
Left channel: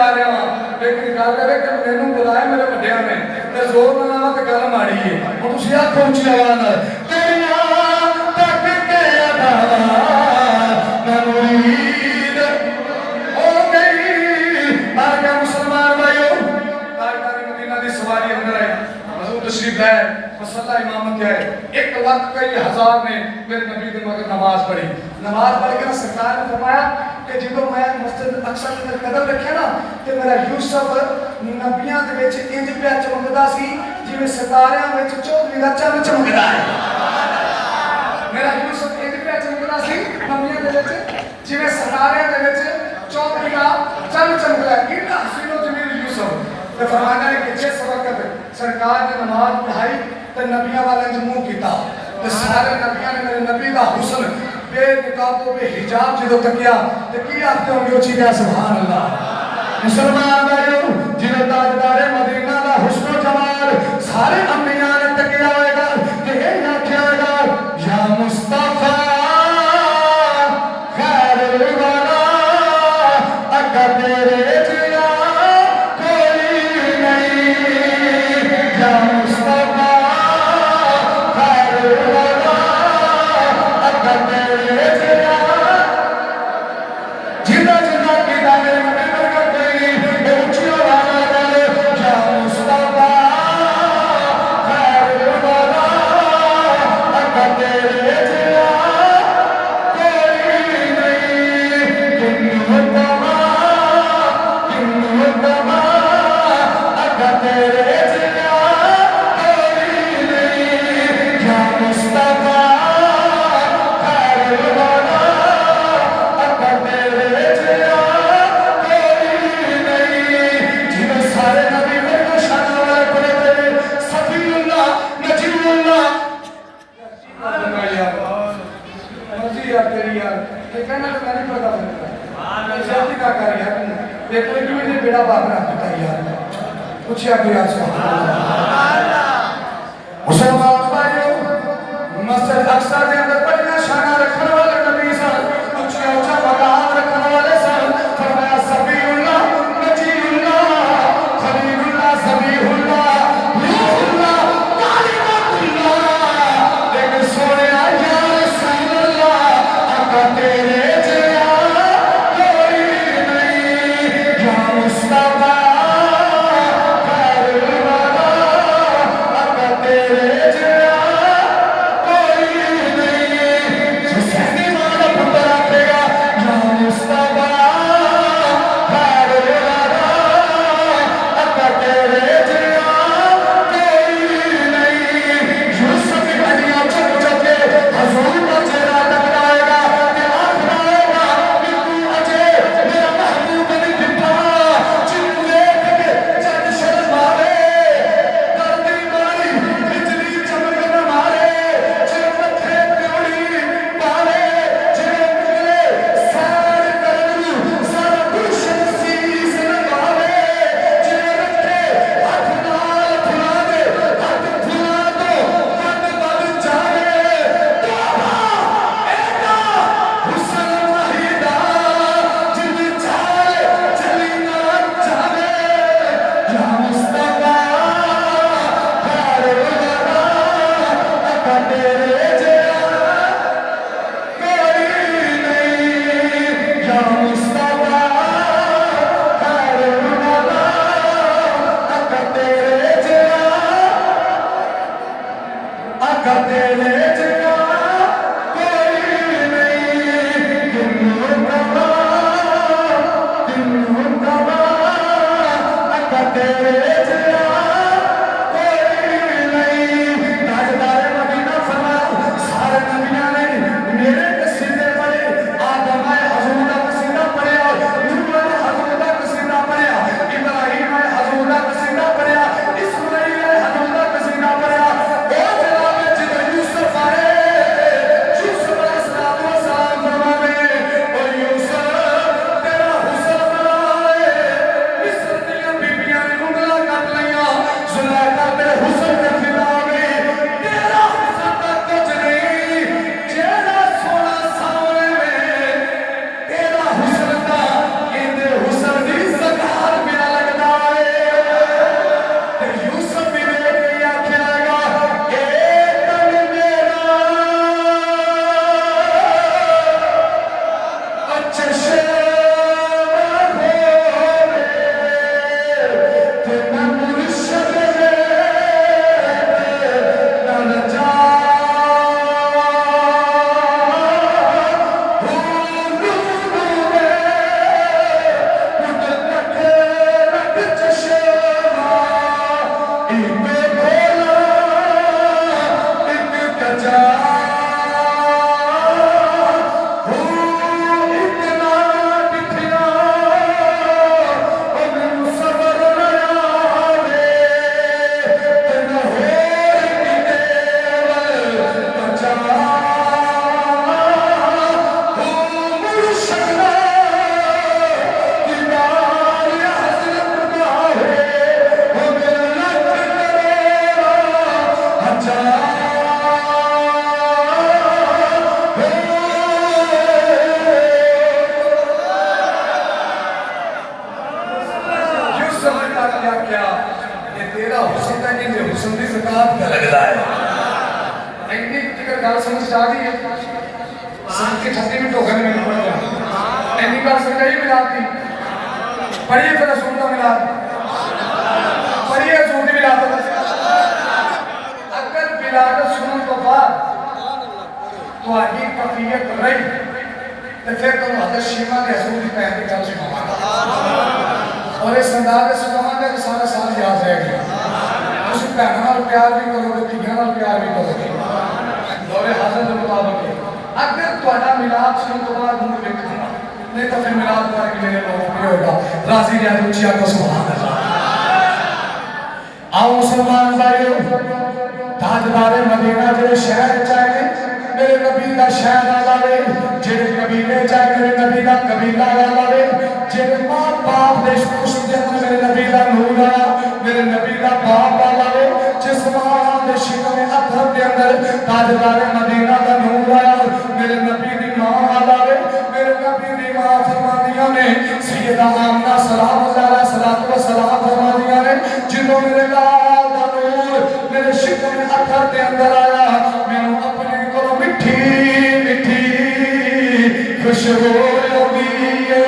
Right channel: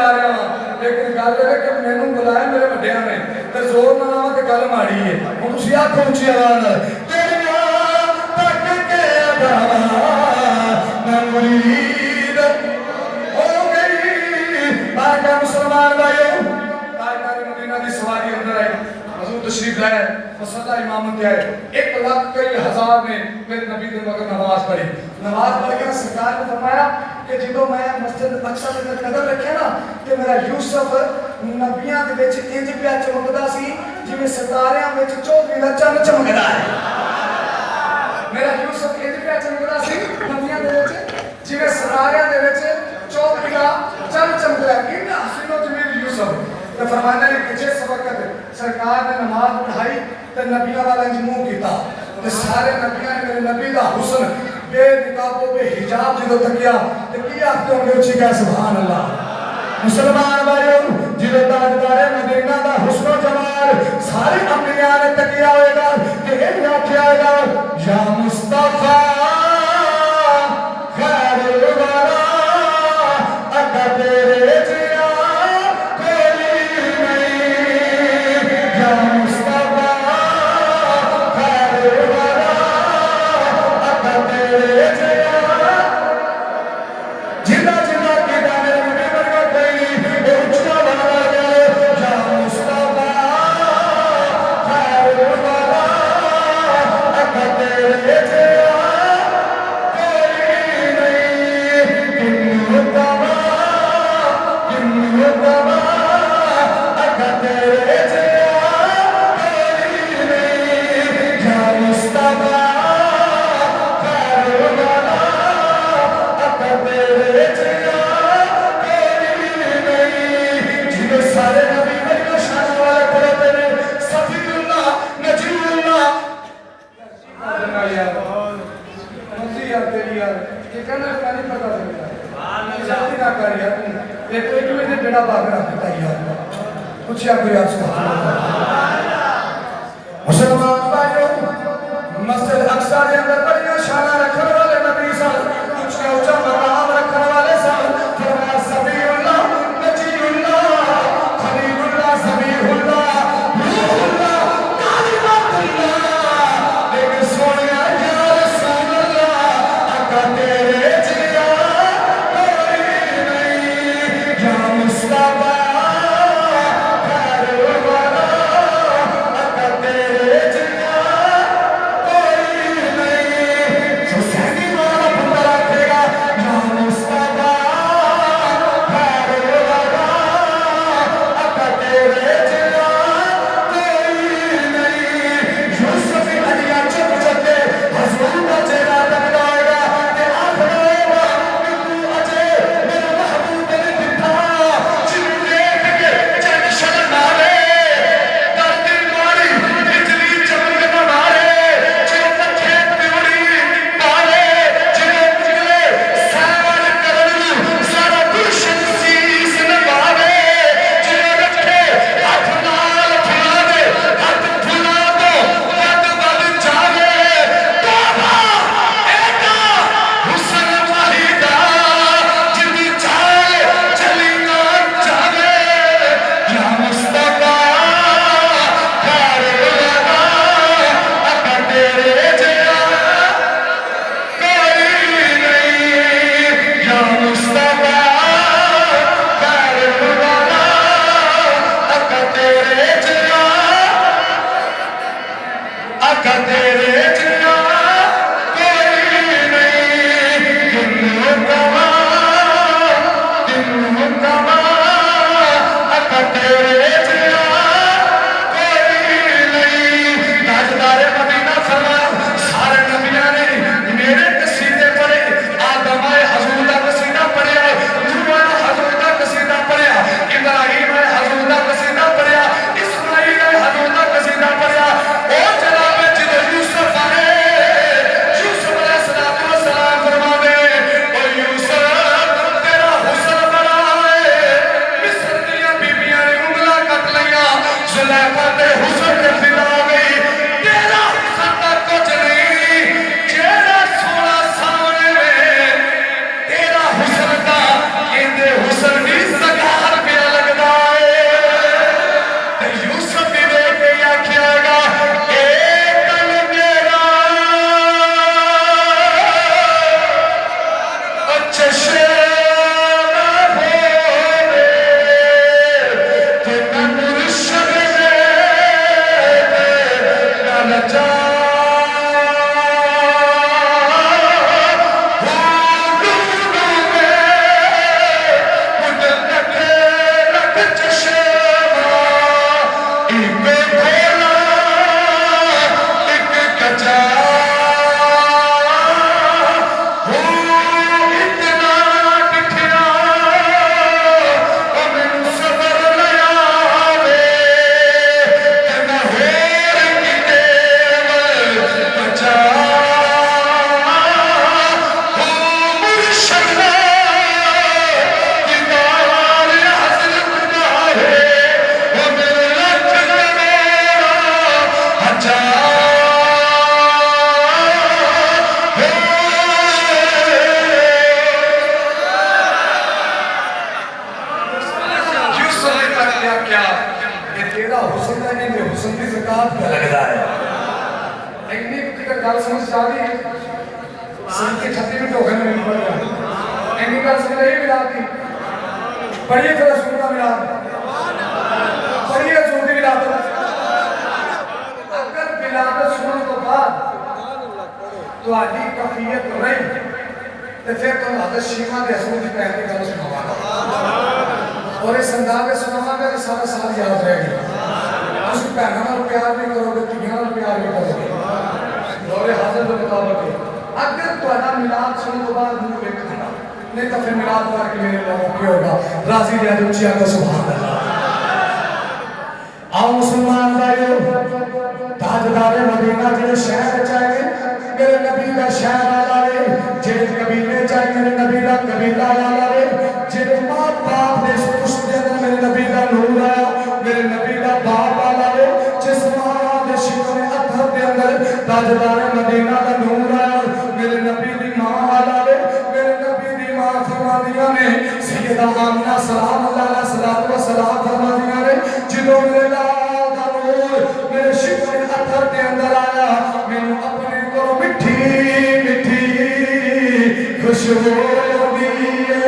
जा रहा हाँ लेकिन गल है कि मैनू बुलाया मेरे वड्डियां ने ते जोर ना ते गल माड़ी है हुण तुसीं आखो उच्ची आवाज़ नाल तेरियां तक के अदा मुरीद हो गई आ गया मुसलमान भाइयों ताजदार मदीना दी सवारी अंदर आई हजूर तशरीफ लाए मसल्ला इमामत आए 1 लाख कई हजार ने मेरे नबी दे मगर नमाज पढ़ी नमाज पढ़ के सरकार ने फरमाया कि जो मैं मस्जिद अक्सर के कदम रखे ना कि मेरा यूसुफ नबियां दे विच इंज पिया चमकदा सी जिवें सितारियां विच चौधरी दा चंद चमकदा है मेरा यूसुफ इंज पिया चमकदा सी नबियां दे विच जिवें सितारियां दे विच चौधरी दा चंद चमकदा है इन्ना हसीनो जमील यूसुफ ते फरमाना है कि जिस वक्त सरकार ने नमाज पढ़ाई ते नबियां वाला मुंह कीता ते सारे नबियां ने मेरे नबी दा हुस्न बेनिकाब तो बेहिजाब जो तकिया ते की आखते होंगे उची का सुभान अल्लाह मुसलमान भाइयों जिले ताजदार मदीना दा हुस्न जमाल सारे अंबिया ने तकिया होएगा ते ये आखिया होएगा या मुस्तफा खैरुल वरा अगा तेरे जिया कोई नहीं या मुस्तफा खैरुल वरा अगा तेरे जिया जिन्ना जिन्ना की दाने मुझे वर्गा कोई नहीं ये उच्चिया वाला गले या मुस्तफा खैरुल वरा अगा तेरे जिया कोई नहीं किन्नु तमा अगा तेरे जिया कोई नहीं या मुस्तफा खैरुल वरा अगा तेरे जिया कोई नहीं जिन्हें सारे नबी वर्गा शान वाले पढ़ते हैं सफीउल्लाह नजीउल्लाह यार मर्जी यार तेरी यार ये कहना तो मैं नहीं पता जल्दी ना कर यार ये कोई भी ने बेड़ा पार रख दिया यार कुछ यार यार मुसलमान भाइयों मस्जिद अक्सा के अंदर बड़ियां शाना रखने वाले नबी सन ऊंचा ऊंचा मकाम रखने वाले सन फरमाया सफीउल्लाह नजीउल्लाह खलीलुल्लाह ज़बीहुल्लाह रूहुल्लाह कालिमतुल्लाह लेकिन सोने या रसूल अल्लाह अगा तेरे जिया कोई नहीं या मुस्तफा खैरुल वरा अगा तेरे जिया तेरा हुस्न है कि हुस्न की ज़कात क्या लगता है इतनी अगर गल समझ आ गई सन के 36 मिनट हो गए मेरे पढ़ गए इतनी गल समझ आई मिलाद की पढ़िए फिर रसूल का मिलाद पढ़िए रसूल की विलादत अगर विलादत सुनने तो बाद तो आगे कफियत रही तो फिर तो हज़रत शीमा के रसूल की पहली गल सुनावांगा और इस अंदाज़ से सुनावांगा तो सारा साल याद रह गया तुम भैनों नाल प्यार भी करोगे धीआं नाल प्यार भी करोगे दौरे हाज़िर के मुताबिक अगर तुम्हारा मिलाद सुनने तो बाद मुंह देखना नहीं तो फिर मिलाद पढ़ के मेरे लोगों को होगा राजी रहा तो उच्ची आको सुभान अल्लाह आओ मुसलमान भाइयों ताजदारे मदीना जो शहर चाहे मेरे नबी का शहर वाला वे जेड़े कबीले चाहे मेरे नबी का कबीला वाला वे जेड़े मां बाप दे पुश्त दे अंदर मेरे नबी का नूर आया मेरे नबी का बाप वाला वे जिस मां दे शिकम अथर के अंदर ताजदारे मदीना का नूर आया मेरे नबी दी मां वाला वे मेरे नबी दी मां फरमादियां ने सैयदा आमना सलामुल्लाह अलैहा सलातु व सलाम फरमादियां ने जिदों मेरे लाल दा नूर मेरे शिकम अथर के अंदर आया मैनू अपने को मिठी मिठी खुशबू आती है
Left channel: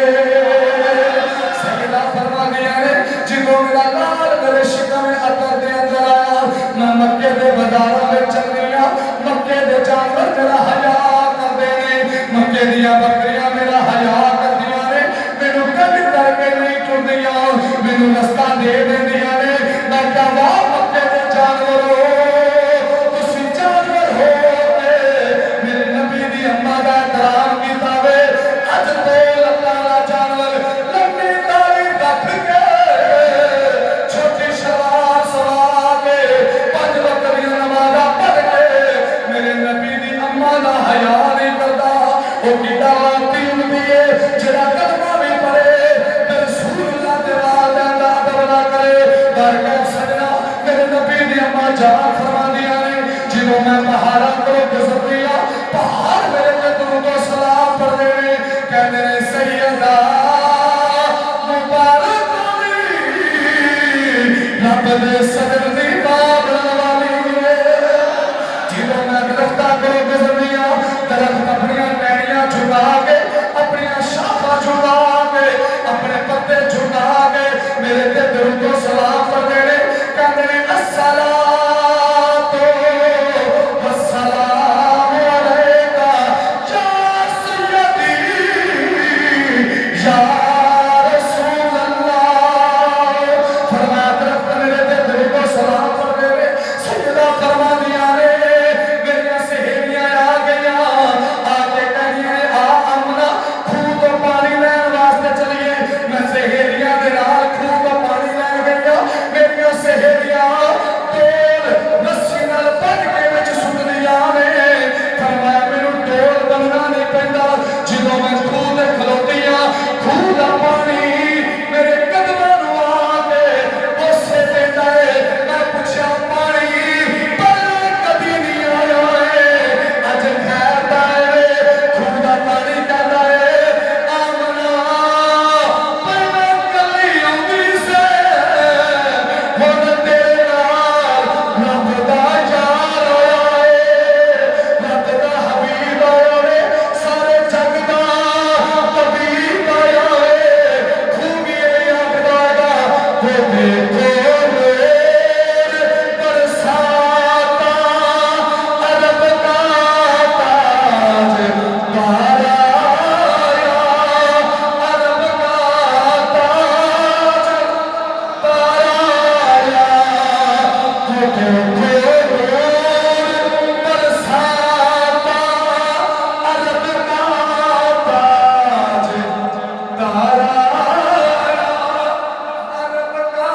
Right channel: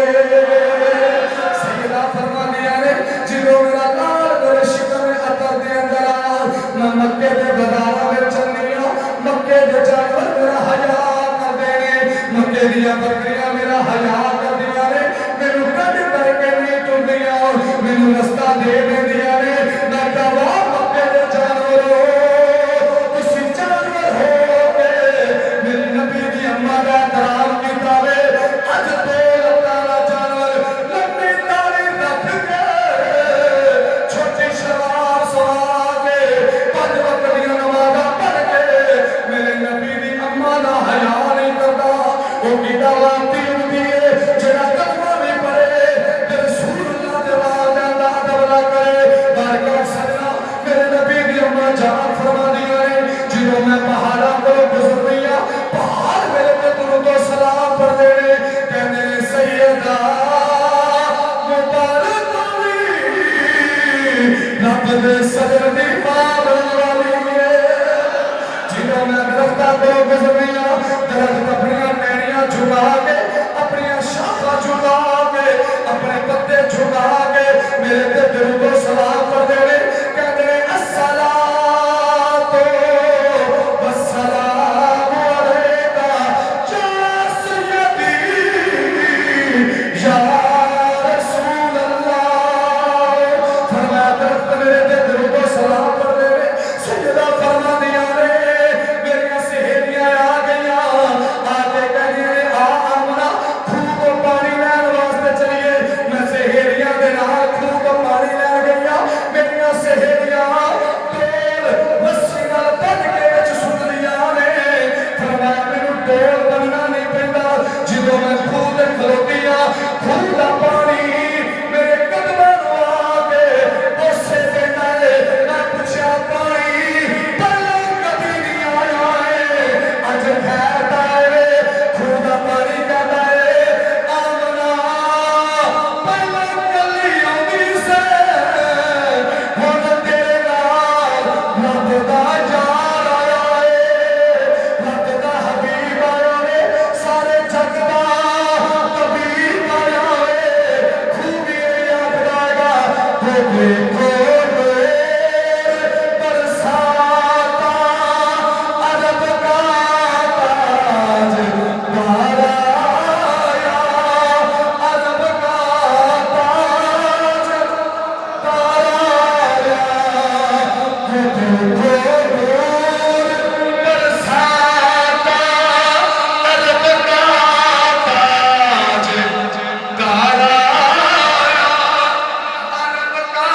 सैयदा फरमादियां ने जिदों मेरा लाल मेरे शिकम अथर के अंदर आया ना मक्के दे बाजारां विच चलनिया मक्के दे जानवर मेरा हया कर देने मक्के दियां बकरियां मेरा हया कर दियां ने मैनू कदी करके नहीं टुरदियां मैनू रस्ता दे देंदियां ने मैं कहा मक्के दे जानवरों तुसीं जानवर हो के मेरे नबी दी अम्मा दा एहतराम कीता वे अज तो अल्लाह दा जानवर लंबी दाढ़ी रख के छोटी सलवार सवा के 5 वक्त दी नमाज़ां पढ़ के मेरे नबी दी अम्मा दा हया नहीं करदा ओ कीड़ा वाती हुंदी है जेड़ा कलमा भी पढ़े ते रसूलुल्लाह दे वाल दा अदब ना करे बरकत सजना मेरे नबी दी अम्मा जान फरमादियां ने जिन्हों मैं पहाड़ां को गुजरदियां पहाड़ मेरे ते दुरूद व सलाम पढ़दे ने कहंदे ने सैयदा मुबारक होवी रब दे सदर दी बात वाली है जिन्हों मैं दरख्तां को गुजरदियां दरख्त अपनी टहनियां झुका के अपनी शाखा झुका के अपने पत्ते झुका के मेरे ते दुरूद व सलाम पढ़दे ने कहंदे ने अस्सलातु वस्सलामु अलैका या सय्यदी या रसूल अल्लाह फरमाया दरख्त मेरे ते दुरूद व सलाम पढ़दे ने सैयदा फरमादियां ने मेरियां सहेलियां आ गईयां आके कहदियां ने आ आमना खूह तो पानी लैन वास्ते चलिए मैं सहेलियां दे नाल खूह तो पानी लैन गईयां मेरियां सहेलियां टोल रस्सी नाल बन के विच सुटदियां ने फरमाया मैनू टोल बनना नहीं पैंदा जिदों मैं खूह ते खलोतियां खूह दा पानी मेरे कदमां नूं आके उसे पैंदा है मैं पुछया पानी पहले कभी नहीं आया है अज खैर दा है खूह दा पानी कहदा है आमना पहले कली आउंदी से हुण तेरे नाल रब दा यार आया है रब दा हबीब आया है सारे जग दा तबीब आया है खूह भी ये आखदा हैगा तेरे कोल बरसाता अरब का ताज तारा अरब का ताज तारा तेरे कोल बरसाता अरब का ताज तारा अरब का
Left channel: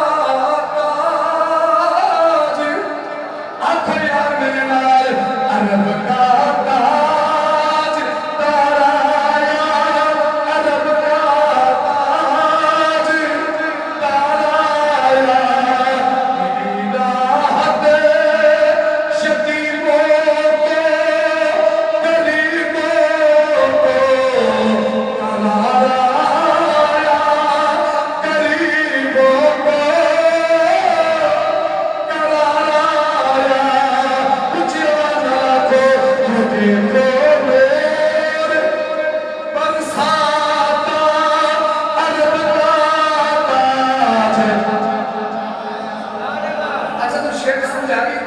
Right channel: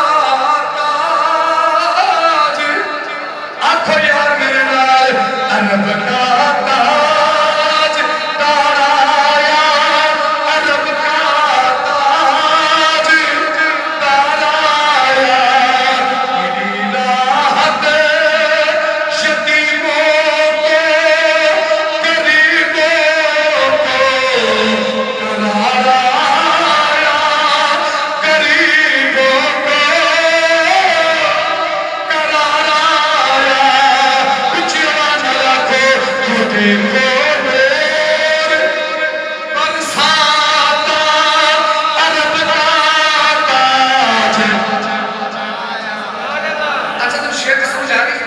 समझा नहीं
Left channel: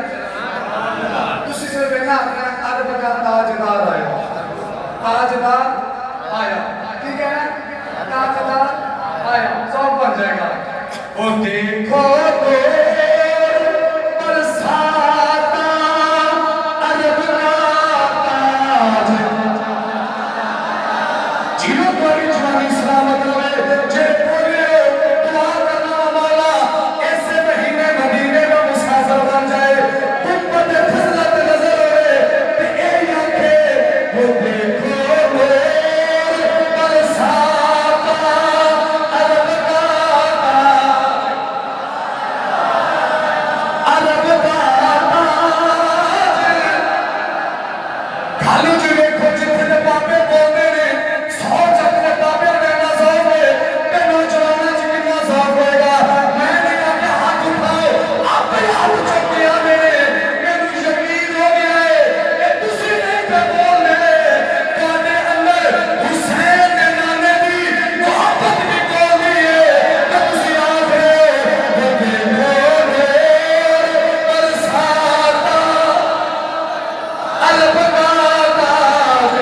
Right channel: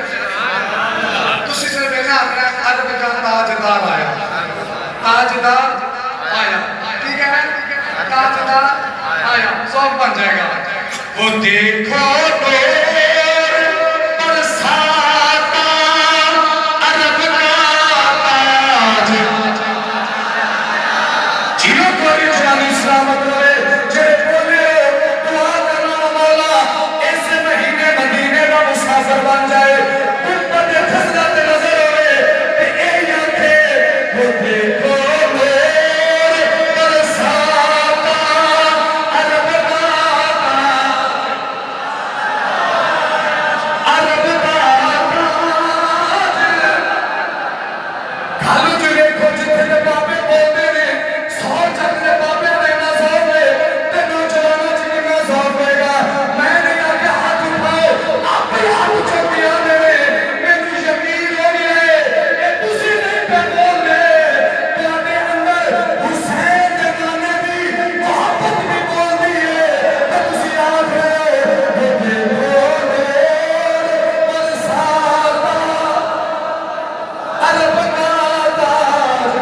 तुसी सिर्फ कहना अपना अरब का ताजदार आया ताजदार आया ठीक है ना ताजदार आया सब बन जाएगा वो देखो बरसाता अरब का ताज जियो कोई जानी सलामत रहे जय बोले दुआ करना मौला ऐसे महीने मदीने में मुसाफिर बन जाए तुम पर फजलत नजर आए ते ए आंखे वो देखो बरसाता अरब का अरब का खालू जी देखो जितने बाबे बोलते ने सौ चलने बाबे देना सौ में तेनों चलाना जितना सौ होएगा मैंने आके हाथ उठाओ आप भी हाथ उठा दिया मेरे यकीन हो गया है ये तुसी नहीं पे बोल रहे तुम्हारे अंदर हुसैन के नाने दी मोहब्बत भी बोल दी है तो तुसी आप रहे हो ये देखो बरसाता अरब का ताज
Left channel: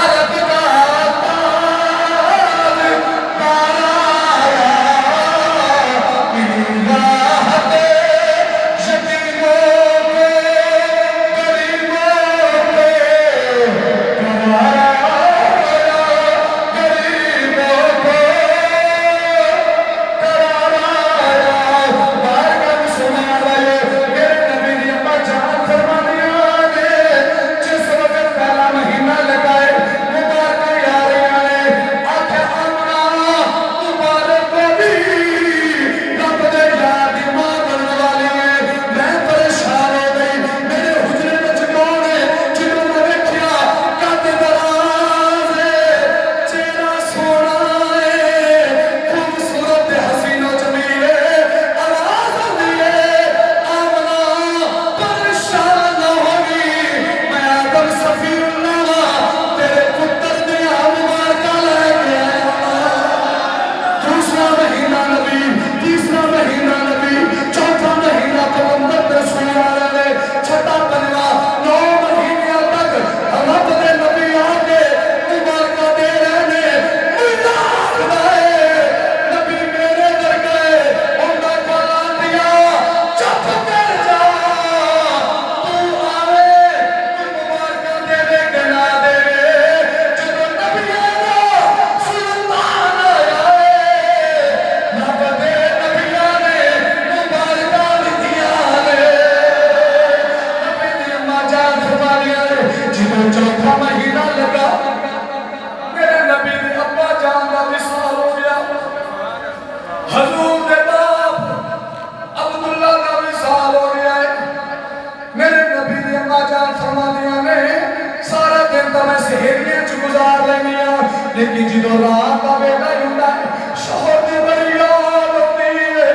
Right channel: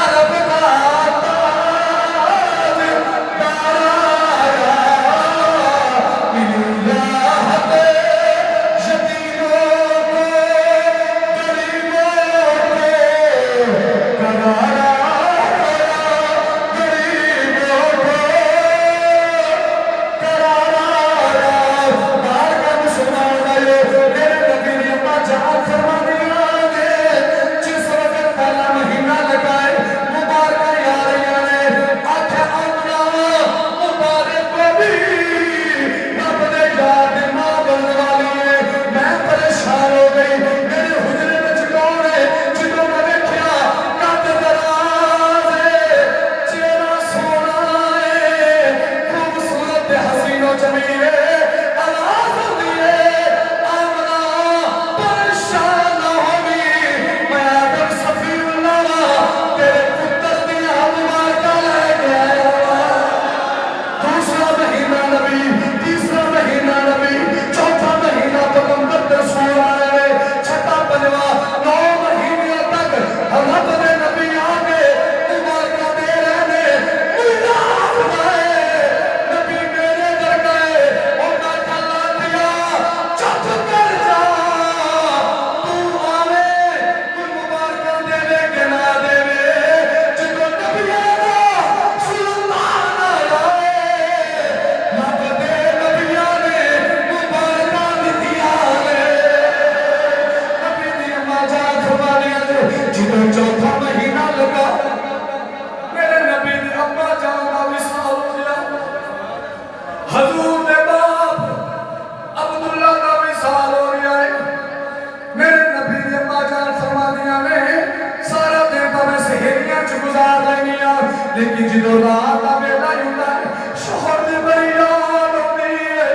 अरब का ताज तारा मिला है यतीमों को गरीबों को करारा गरीबों को करारा बार का मुसलमान भाइयों मेरे नबी ने अपना जान फरमा दिया है जिस वक्त पहला महीना लगाए मुबारक आ रही है आखे आमना मुबारक को भी रब ने याद मां बनने वाली है मैं परेशान हो गई मेरे हुजरे में कौन है जिन्होंने देखा कद दराज है चेहरा सोना है खूबसूरत हसीनो जमील है आवाज होती है आमना परेशान होगी मैं आदम सफीउल्लाह तेरे पुत्र दे मुबारक लेके आया दूसरा महीना नबी तीसरा महीना नबी चौथा महीना पैगंबर के रसूल आए छठा पंजवा 9 महीने तक हजरत ने नबी आके मुबारक दे रहे मुल्ला खुदाए नबी मेरे दर गए उनका कला दिया चुप कर जा तू आवे कोई मुबारक देवे के ना देवे जितो नबी आया सुल्तान आया रब दे नबिया ने मुबारक दिया है नबी दी अम्मा जान फरमा दिया जितो चौथा महीना लगा मेरे नबी दी अम्मा जान का विसाल हो गया हजूर के बाप अब्दुल्ला का विसाल हो गया है मेरे नबी दी अम्मा जान फरमा दिया ने सारे दिन तो मैं सहेलियां च गुजार लेनी आ लेकिन जो रात का वेला हुंदा है शोहर दी बड़ी याद आती है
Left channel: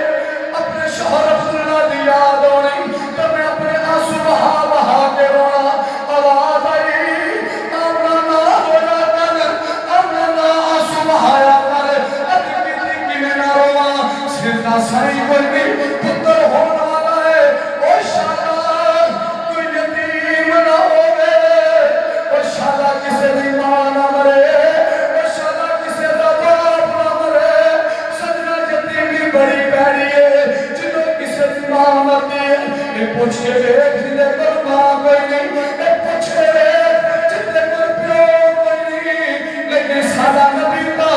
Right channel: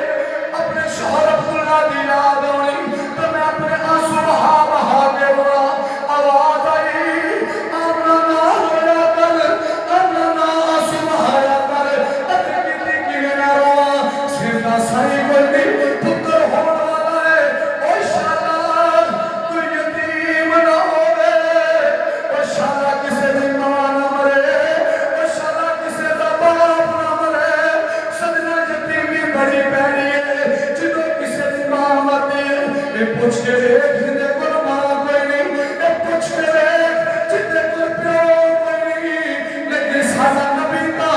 अपने शोहर अब्दुल्ला दी याद आनी तो मैं अपने आंसू बहा बहा के रोना आवाज आई अपना ना रोया कर अपना ना आंसू बहाया कर अति कितनी किने ना रोवा सिर का सही कोई नहीं पुत्र होने वाला है ओ शाला कोई यतीम ना होवे ओ शाला किसे दी मां ना मरे ओ शाला किसे दा बाप ना मरे सजना यतीम की बड़ी पैड़ी है जिन्हों किसे दी मां मरती है ये पूछ के देख जिंदे को मां कोई नहीं ये पूछ के देख जिंदे को प्यो कोई नहीं लेकिन साला नबी का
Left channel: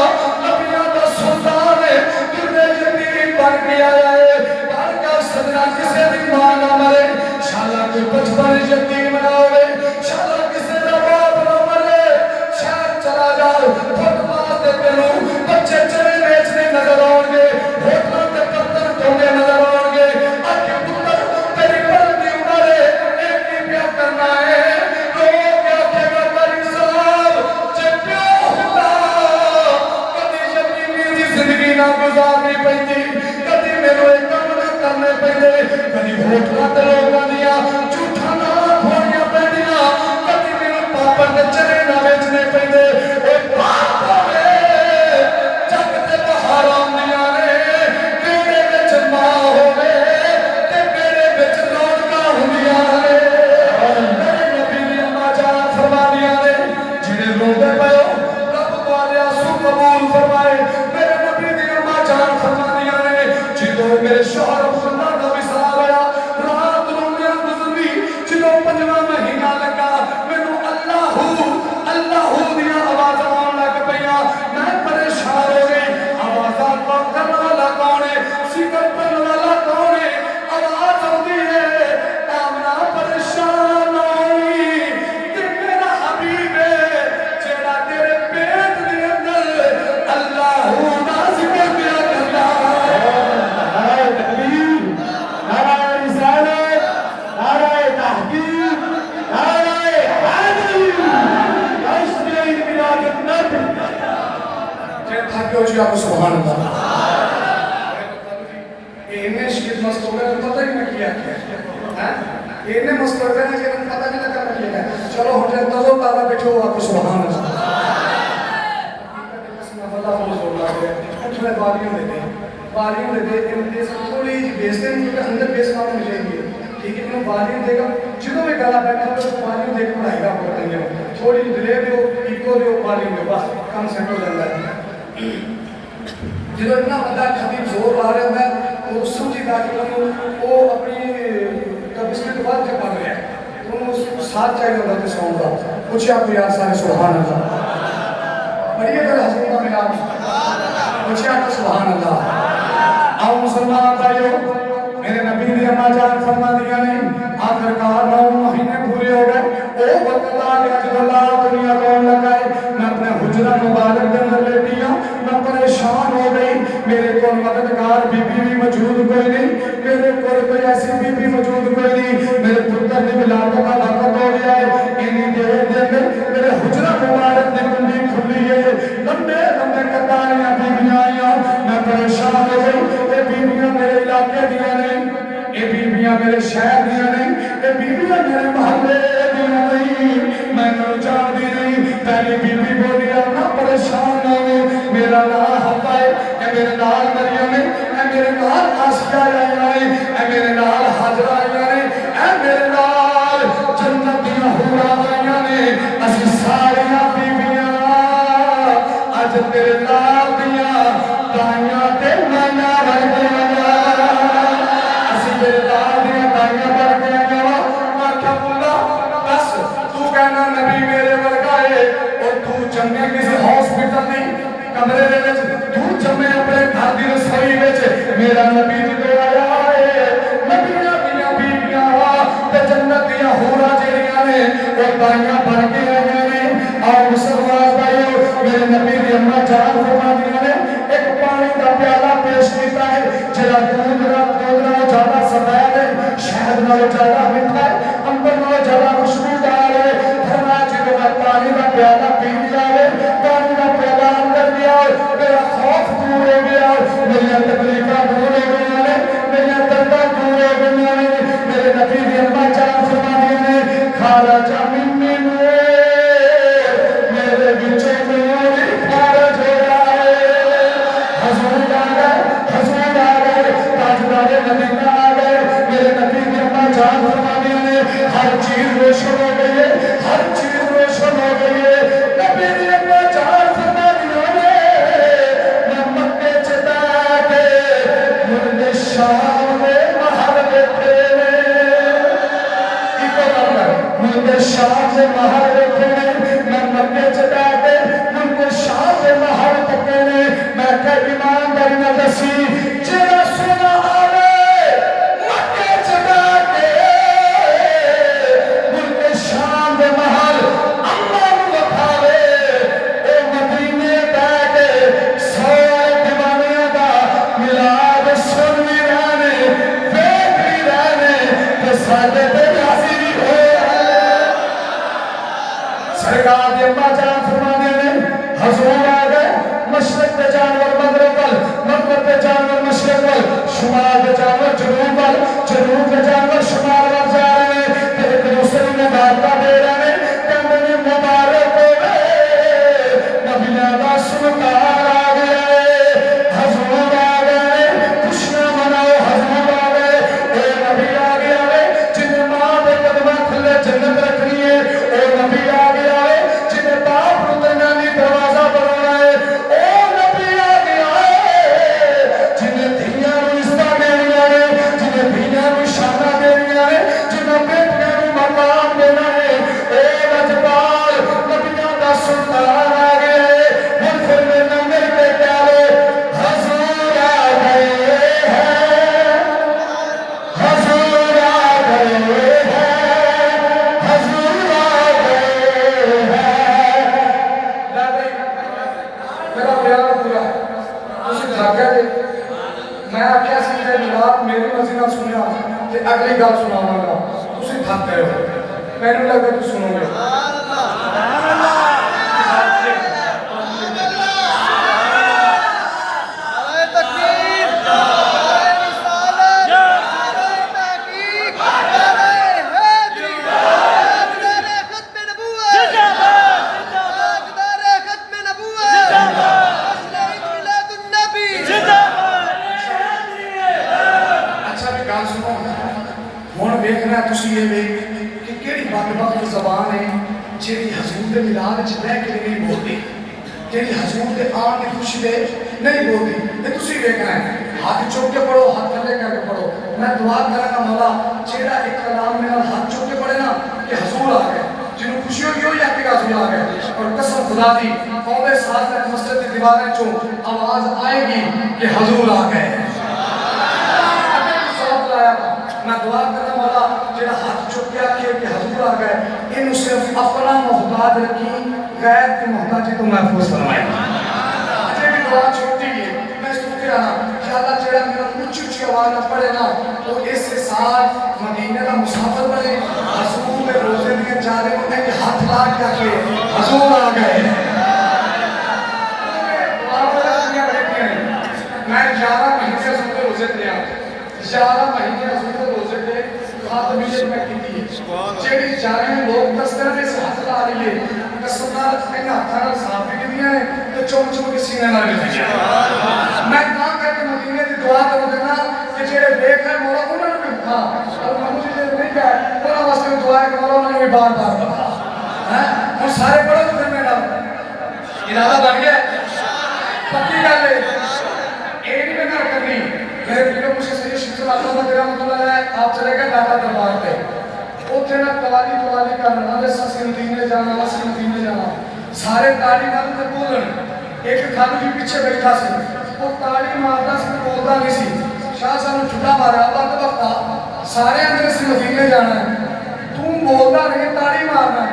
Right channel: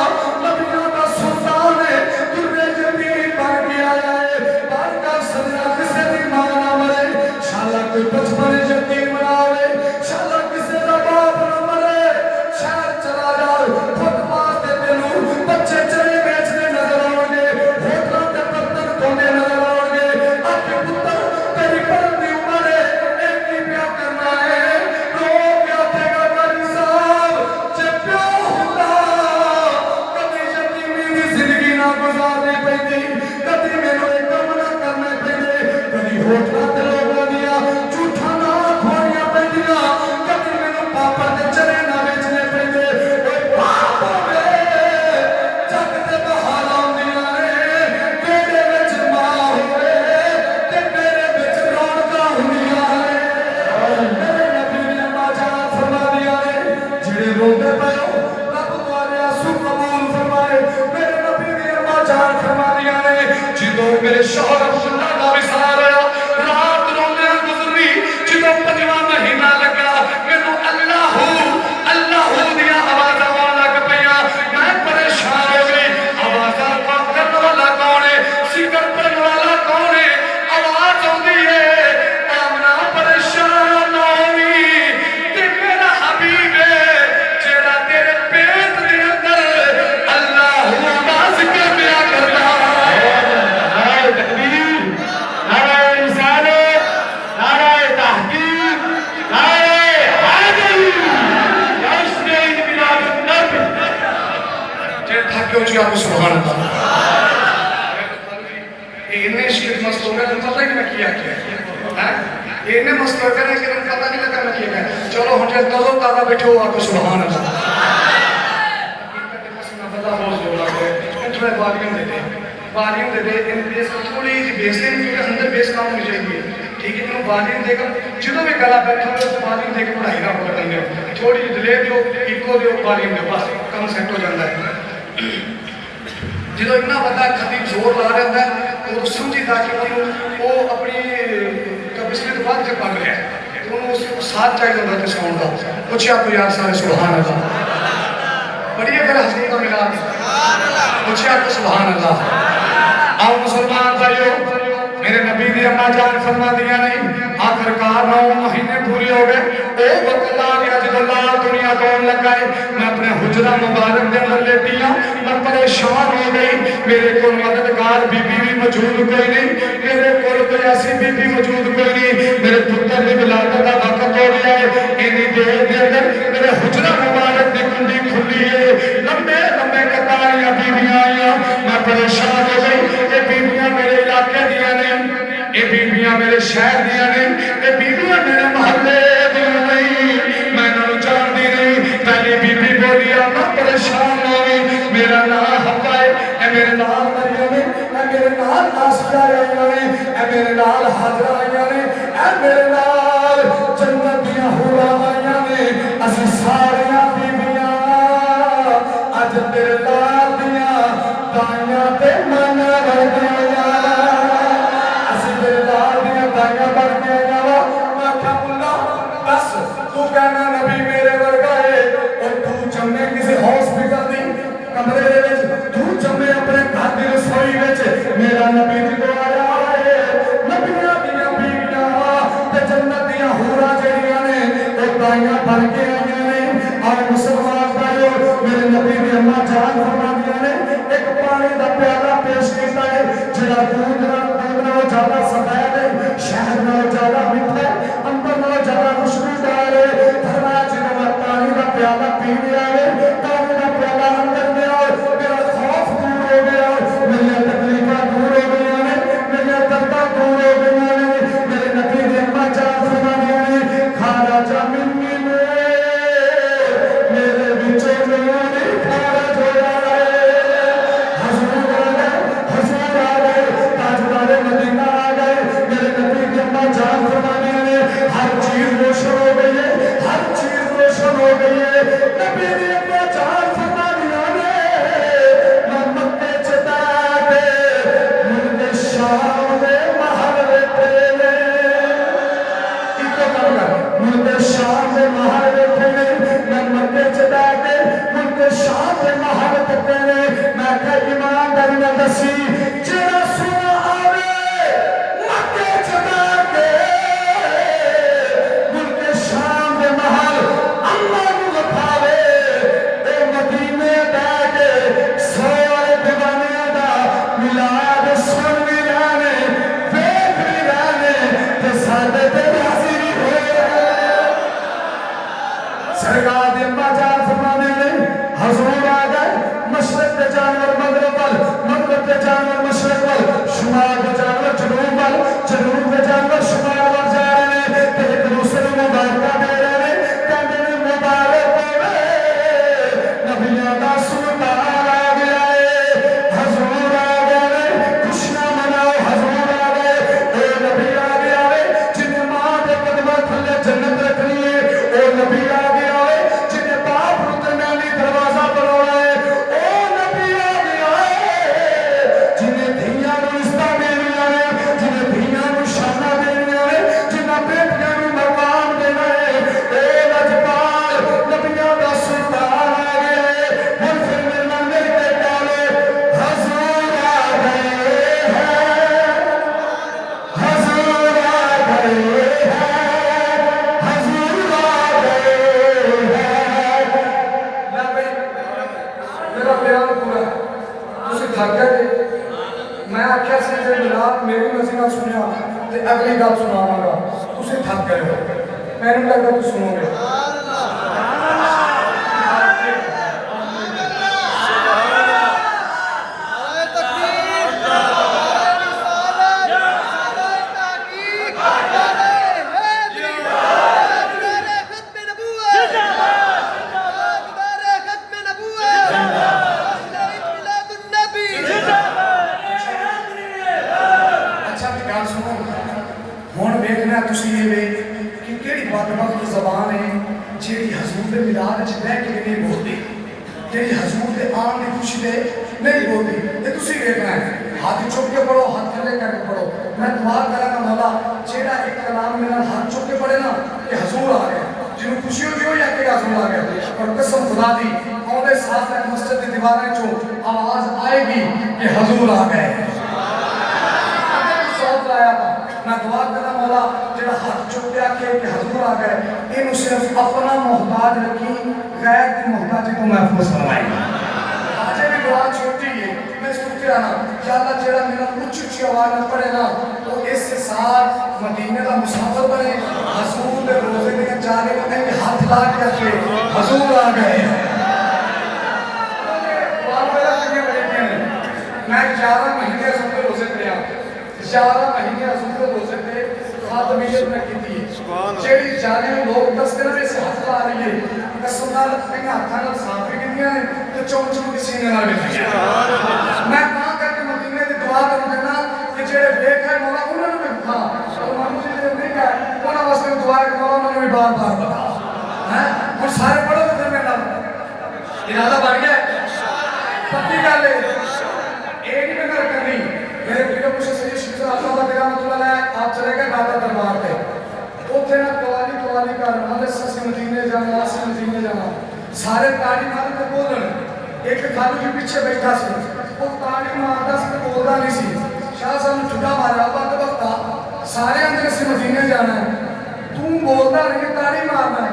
नबियों का सुल्तान है दुर्रे यतीम बन के आया है बार का सजना किसे दी मां ना मरे शाला कोई बचपन यतीम ना होवे शाला किसे दा बाप ना मरे शहर चला जाओ फुटपाथ ते तेनू बच्चे चने बेचने नजर आउणगे होटलों ते बर्तन धोने नजर आउणगे आके पुत्र तेरी पढ़ने उम्र है एक ही प्यार करना है लोग आखेगा करी साहब जे प्यो हुंदा कदी यतीमी दी जिंदगी ना गुजारनी पैंदी कदी मेरे काम ना करने पैंदे कदी होटलां ते लोगां दियां झूठा ना खोणियां पैंदियां कदी मेनू पापड़ ते चने ना बेचने पैंदे ओए बाप वे जग ते बहारां दियां ने तेरे विच मां होवे जान फरमादियां ने जिदों मेरे शौहर अब्दुल्ला दा विसाल आया रात रोंदे गुजरी जिदों 5वां महीना लगा मैनू अल्लाहू अल्लाहू दी आवाज़ां आउण लग पईयां मैं परेशान हो गई आवाज़ां करने वाला कौन है जिक्र करने वाला कौन है आवाज़ आउंदी है आमना परेशान ना होई ते मेरा हबीब है जेड़ा तेरे पेट दे अंदर अल्लाहू दा जिक्र किया करदा नाराए तकबीर नाराए रिसालत नाराए तहकीक नाराए हैदरी जश्न ईद मिलादुन नबी जे थके हो जी आप सुभान अल्लाह इन्ने शीर मस्त हो गए पता ही नहीं किया क्या है इन्ने मस्त हो गए कि पता नहीं लगा क्या है चलो हम जे नजर ताला बैठो आपको सुभान अल्लाह मैं पता हो जोर लग रहा है थोड़ा वॉल्यूम दे दे इन बेस थोड़ी जी बेस दे क्योंकि अंदर बेस काम होनी चाहिए ठीक है मैं वॉल्यूम देगा जो भी गला बैठा हो तो वॉल्यूम देके पढ़ाई का कर लेंगे थोड़ी जी डिले दो इको दो वॉल्यूम दो बस काम सेट हो जाता है जो इतना बड़ा खतीब जोर ला रहा है वो समझीदा कि वो अपनी तबीयत के बाद जब पढ़ रहा है तो उन्होंने साथ चाहिए होता है साउंड का कुछ आपको यार सारे सुभान अल्लाह बढ़िया मेरा हसन का मिला कुछ आपको सुभान अल्लाह आओ मुसलमान भाइयों मेरे नबी ने अम्मा जान फरमा दिया नहीं आखिरकार 9 महीने पूरे हो गए ओ वक्त आ गया जब लाल दुनिया कौन लगाए मैं अपने हुजरा मुबारक के अंदर लेटी हूं मैं परेशान हो गई मेरे को मददगार बीबी भी मौजूद कोई नहीं मेरे को कोई ऐसी बीबी मौजूद कोई नहीं मेरे पुत्र की विलादत का वक्त हो गया है इन्हीं देर के अंदर मेरे हुजरा मुबारक की कुंडी खुली है लंबे लंबे कतारियां बीबियां आईयां मैं परेशान हो गई ये बीबियां मेरे इलाके दियां नहीं ये बीबियां मेरे शहर दियां नहीं ये बीबियां मेरे मोहल्ले दियां नहीं मैं इन्होंने जानती नहीं पहली बीबी बोली मैं परेशान हो गई मेरा नाम हफ्ता है मेरे नाल मरियम है मेरे नाल आसिया आईयां ने मेरे नाल हाजरा आईयां ने मेरे नाल जन्नत दियां हूरां आईयां ने असि सारियां बीबियां अज तेरे नाल दियां ताइयां ते नाना वर्गियां असि तेरे नाल दियां ताइयां बन के आईयां मैं क्या बोला बस तू कहना नबी मेरे वर्गा है और तू जम्मे किसी हॉस्पिटल नहीं कमरे दे विच तू जम्मे अपने घर दी रसोई विच मेरा नबी जो आया है नबियां दियां बीबियां ते जन्नत दियां हूरां जेड़ियां ने ओ ताइयां बन के आईयां ने और मुसलमान भाइयों मेरे नबी दी अम्मा जान फरमादियां ने एक पानी दा प्याला पेश कीता है जेड़ा दूध नालों ज्यादा सफेद है शहद नालों ज्यादा मीठा है अंबर नालों ज्यादा खुशबूदार है फरमाया जिदों मैं पानी दा प्याला पी लिया है पानी दा प्याला अंदर गया मेरा खौफ दूर हो गया मेरी तकलीफां दूर हो गई ने मेरी दर्दां दूर हो गई ने मेरे नबी दी अम्मा जान फरमादियां ने खाला जा मिन्नी मेरे विचों नूर खारज हो जाए हजूर आ गए ताजदारे मदीना आ गए मेरे नबी दी अम्मा जान फरमादियां ने हर चीज रोशन हो गई है हर चीज रोशन हो गई है नबी दी थक गए मैं आख्या सी जे मिलाद मेरी मर्जी नाल सुनिया ते अगली गल सुनावांगा तुसीं थक गए हो मैनूं लगदा तुसीं सुनोगे देखना तुसी ये वे कि केड़ी बदबख्त ज़बान है जेड़ी हजूर दे मिलाद च रह के नहीं बोलती जेड़ी हजूर दे आन दी खुशी दे नहीं बोलती ये तुसी देखना है हाथ चुक के पढ़ो हाथ थले करके पढ़ो मैं दुआ करांगा मौला जेड़ा एक कलाम मेरा हाथ चुक के पढ़े ना कि हजूर आ गए जिन्हों खुशी होगी हो या कि हजूर आ गए और कसम खुदा दी औदे साथ तक मस्जिद दी दीवारें चो आवाज आएगी कि हजूर आ गए मैं दुआ करना मौला जेड़ा हाथ चुक के आखे कि हजूर आ गए इन्हू सिर्फ अपना मोहताज रखी गैर की मोहताजी तो महफूज फरमाए अजय भी दुआ छोटी है मैं सुनते रहना कि अल्लाह जेड़ा मेरा ऊंची ऊंची आवाज में पढ़े ना तो इस साल मदीने का मुसाफिर बने हजूर के रोजे दिए चारे उन्हें भी हाथ ला के आखे हजूर आ गए मैं 11 महीने सुनते रोजे पढ़िया 11 महीने हजूर रोजे थे हाथ मिले मैं कीती है जेड़ी जाने लोग दसते ने से हाथ ला रही है कसम नाल अपने हाथां नाल साफ भी कीतियां ने ते चुम चुम के सीने नाल भी कीतियां मैं तां करके मदीने दी दुआ करूं देना कि जेड़े देख है मौला उन्हां नूं भी हां और मानू जी नहीं गए उन्हां वास्ते दुआ है कि मौला उन्हां नूं भी बार-बार बता हैं हम सारे पढ़ो तो फिर मेरा इरादा बन गया पक्की गल है ये नहीं मैं गल करनी मेरे पीर मुझे सही शिक्षा आता हुआ मेरा मतलब है आप चले गए दादा दरबार पे उठे ना कवाली करना दे ससी मदीने जाना सारे ताली मार के बोलन एक खालू जी पीछे बैठा सी वो ताली मारदा सी ते बोलदा नहीं सी शाह साहब ने झूठा मारा वक्त वक्ता सारे अंदर सी मदीने जाना तू बोलदा नहीं ताली मारना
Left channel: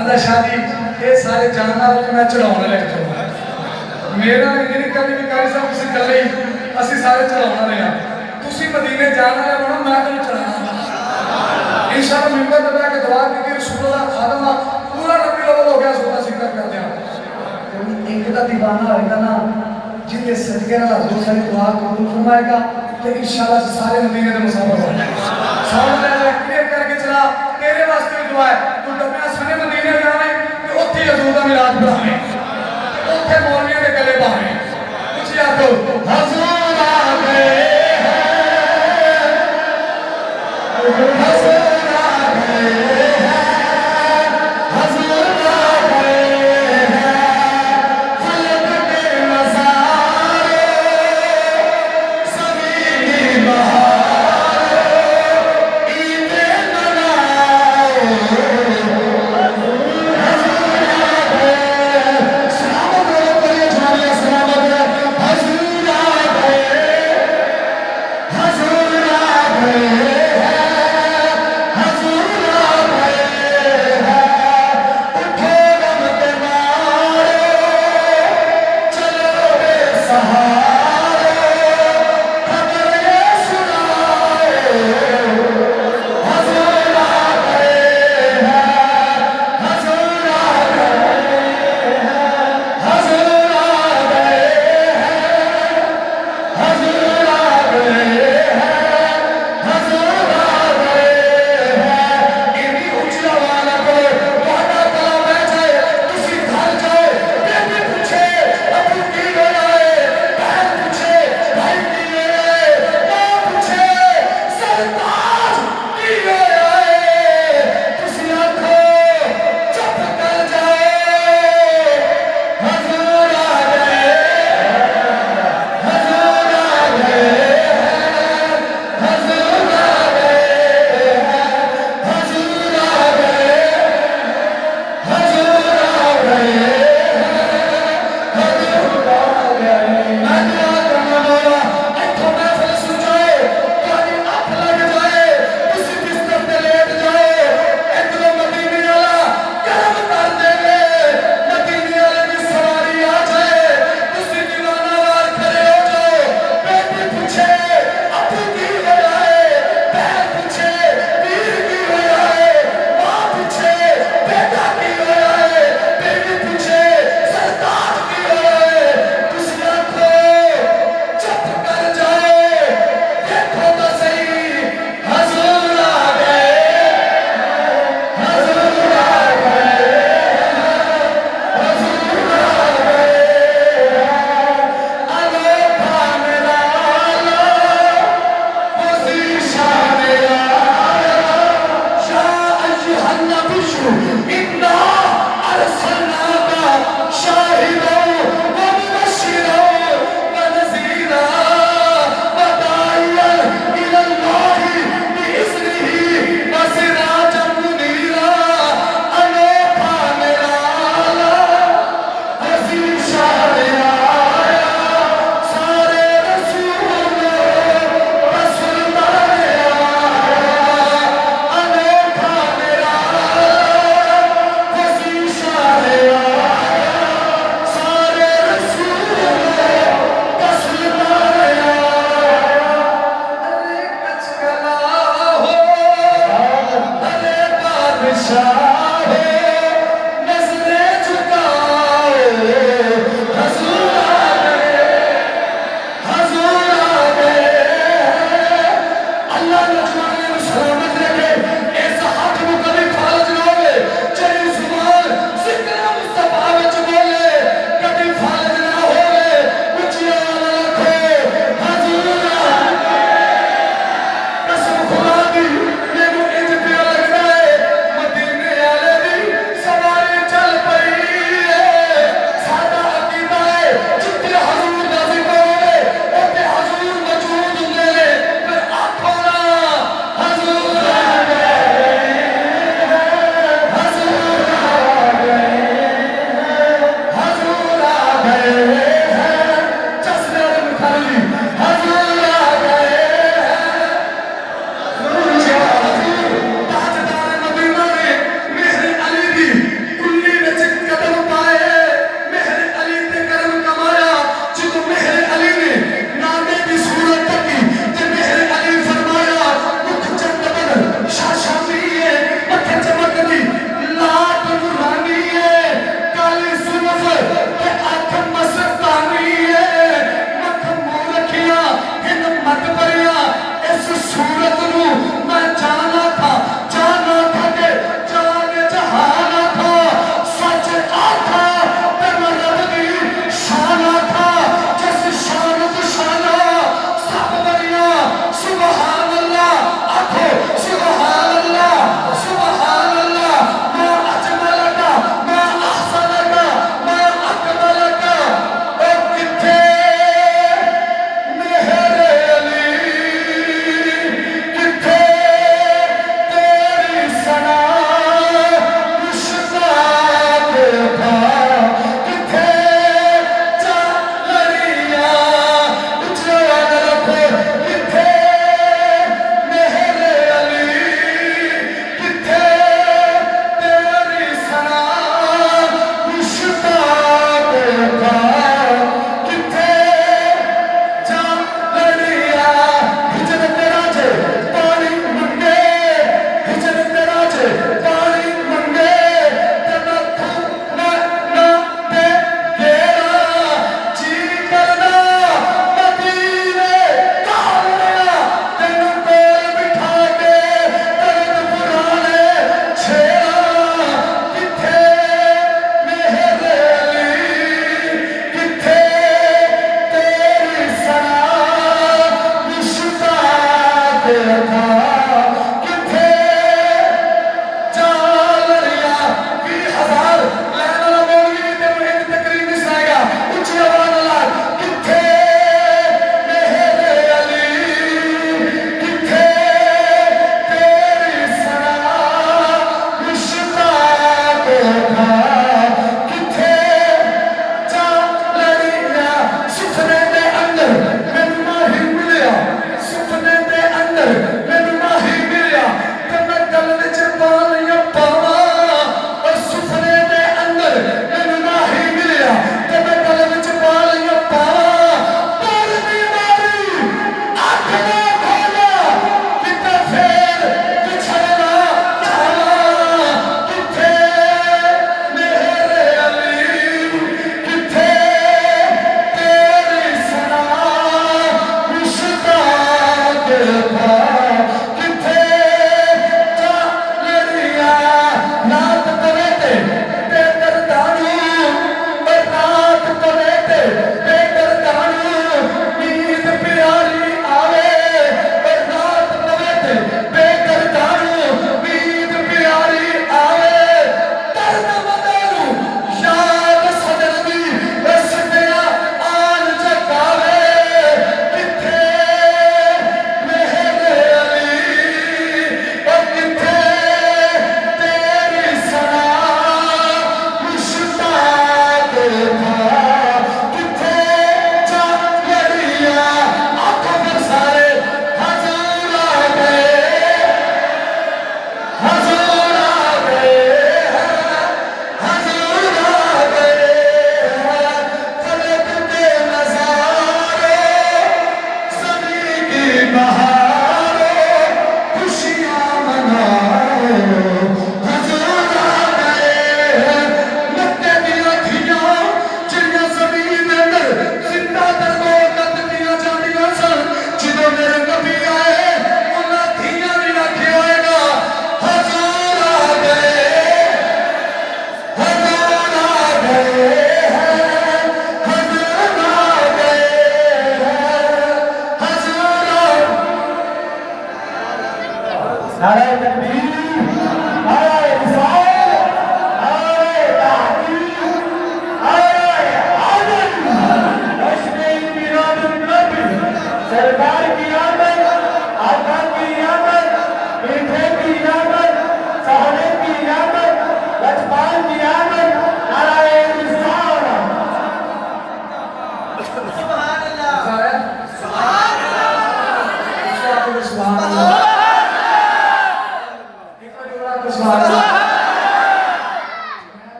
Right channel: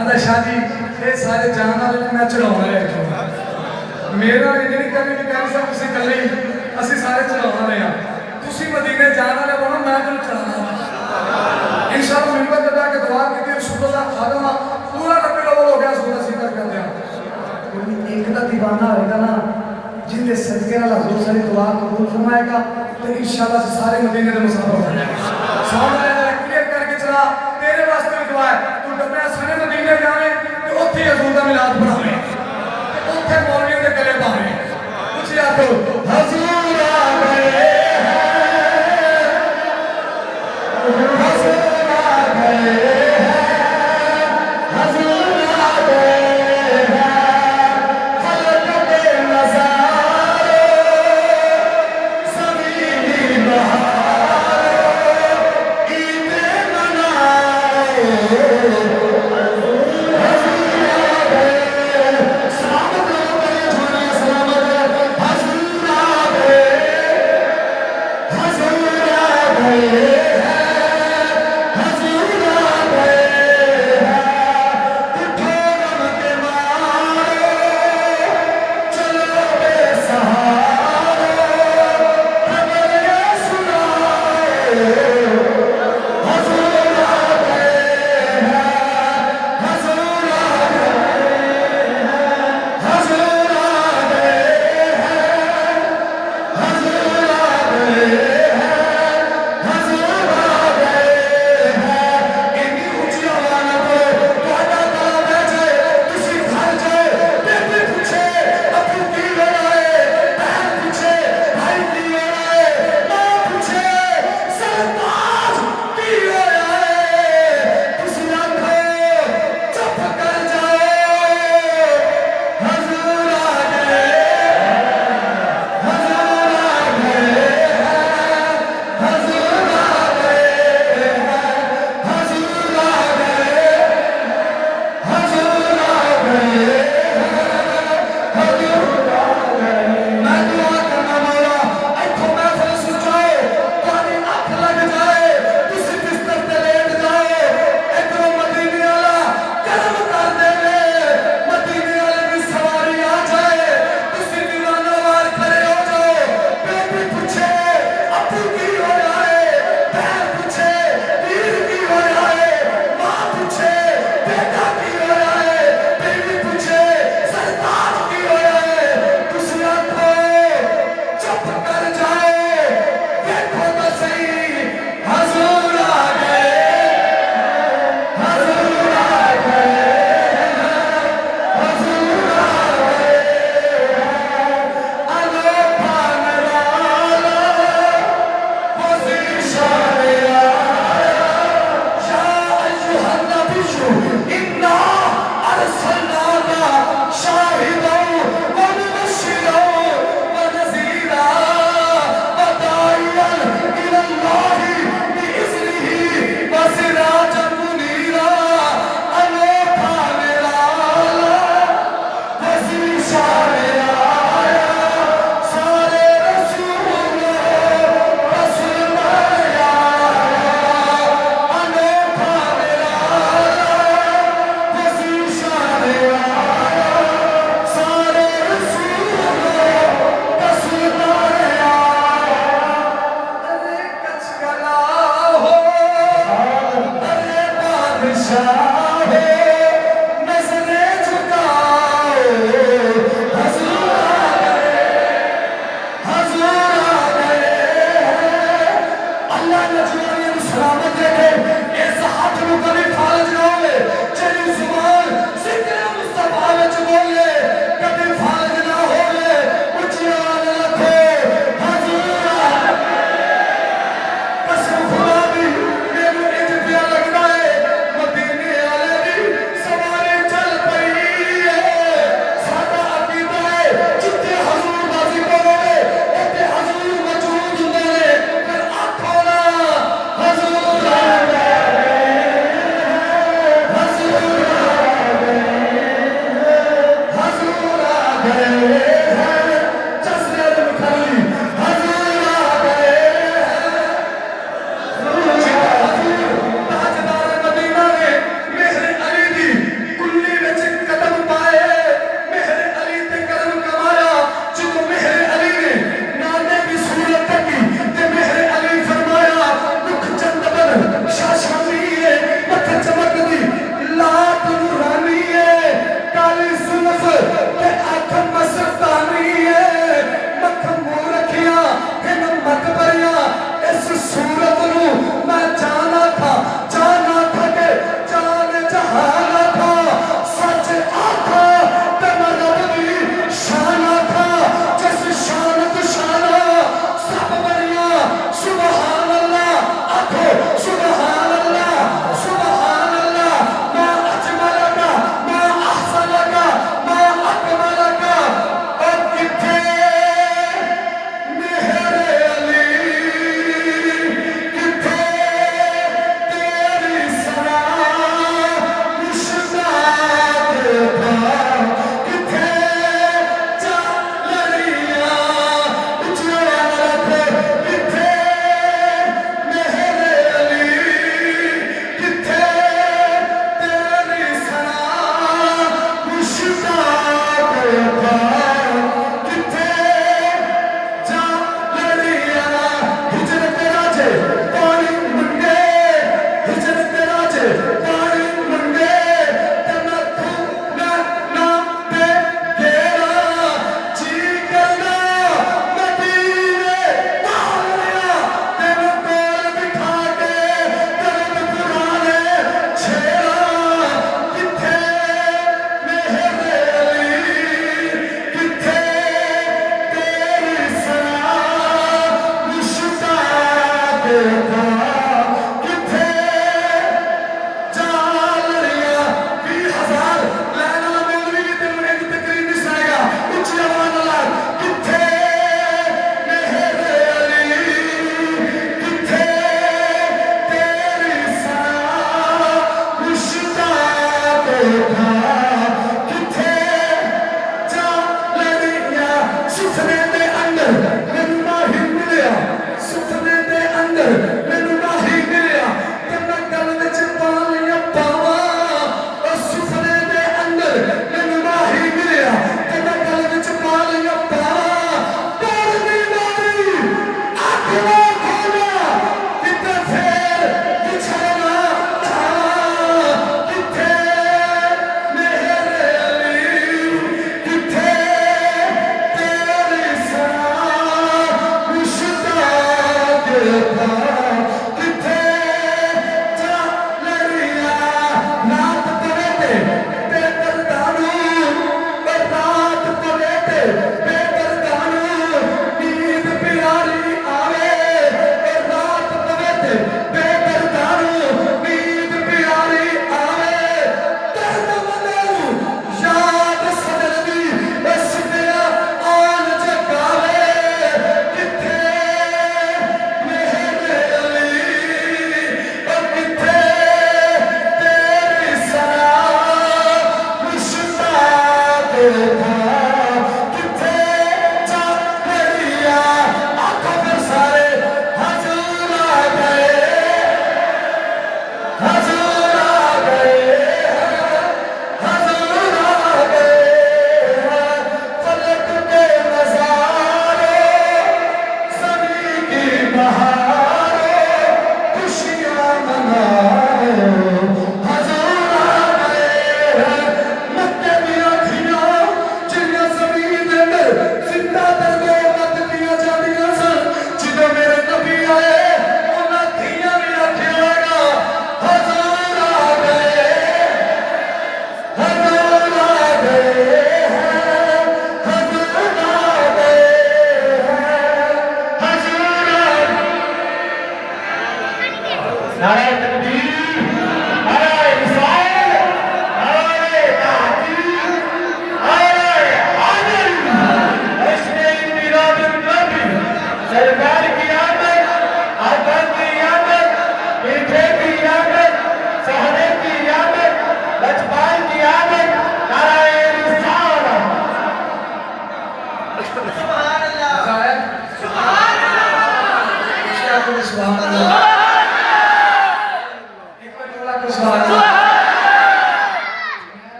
आंदा शादी ये सारे जान वाले मैं चढ़ाउण ले चो मेरा इतनी कभी भी कर सब किसी गल ਅਸੀਂ ਸਾਰੇ ਚਲਾਉਣ ਵਾਲੇ ਆ ਤੁਸੀਂ ਮਦੀਨੇ ਜਾਣ ਵਾਲੇ ਹੋ ਮੈਂ ਤੁਹਾਨੂੰ ਚੜਾਉਣਾ ਇਨਸ਼ਾਅੱਲਾ ਮਿੰਬਰ ਤੇ ਜਾ ਕੇ ਦੁਆ ਕੀਤੀ ਰਸੂਲullah ਖਾਦਮ ਪੂਰਾ ਰੱਬੀ ਅਵਲ ਹੋ ਗਿਆ ਸੋਨਾ ਜ਼ਿਕਰ ਕਰਦੇ ਆ ਕੋਈ ਇੱਕ ਦਾ دیਵਾਨਾ ਹੋਏਗਾ ਨਾ ਜਿੰਦੇ ਸਦਕੇ ਨਾਲ ਹਜ਼ੂਰ ਸਾਰੀ ਦੁਆ ਕਬੂਲ ਫਰਮਾਏਗਾ ਤੇ ਇਨਸ਼ਾਅੱਲਾ ਸਾਰੇ ਮਦੀਨੇ ਦੇ ਮੁਸਾਫਿਰ ਹੋ ਜਾਣਗੇ ਸੌਣ ਦੇ ਨਾਲ ਕਲੀਅਰ ਕਰਕੇ ਚਲਾ ਤੇਰੇ ਵਾਸਤੇ ਦੁਆ ਹੈ ਤੂੰ ਡੱਬਿਆਂ ਸਨੇ ਮਦੀਨੇ ਜਾਵੇਂ ਤੇ ਉੱਥੇ ਹਜ਼ੂਰ ਦਾ ਮਿਲਾਦ ਪੜਾਵੇਂ ਉੱਥੇ ਮੌਲਵੀਆਂ ਦੇ ਗਲੇ ਬਾਵੇਂ ਕੁਝ ਯਾਦ ਕਰੋ ਹਜ਼ੂਰ सलामत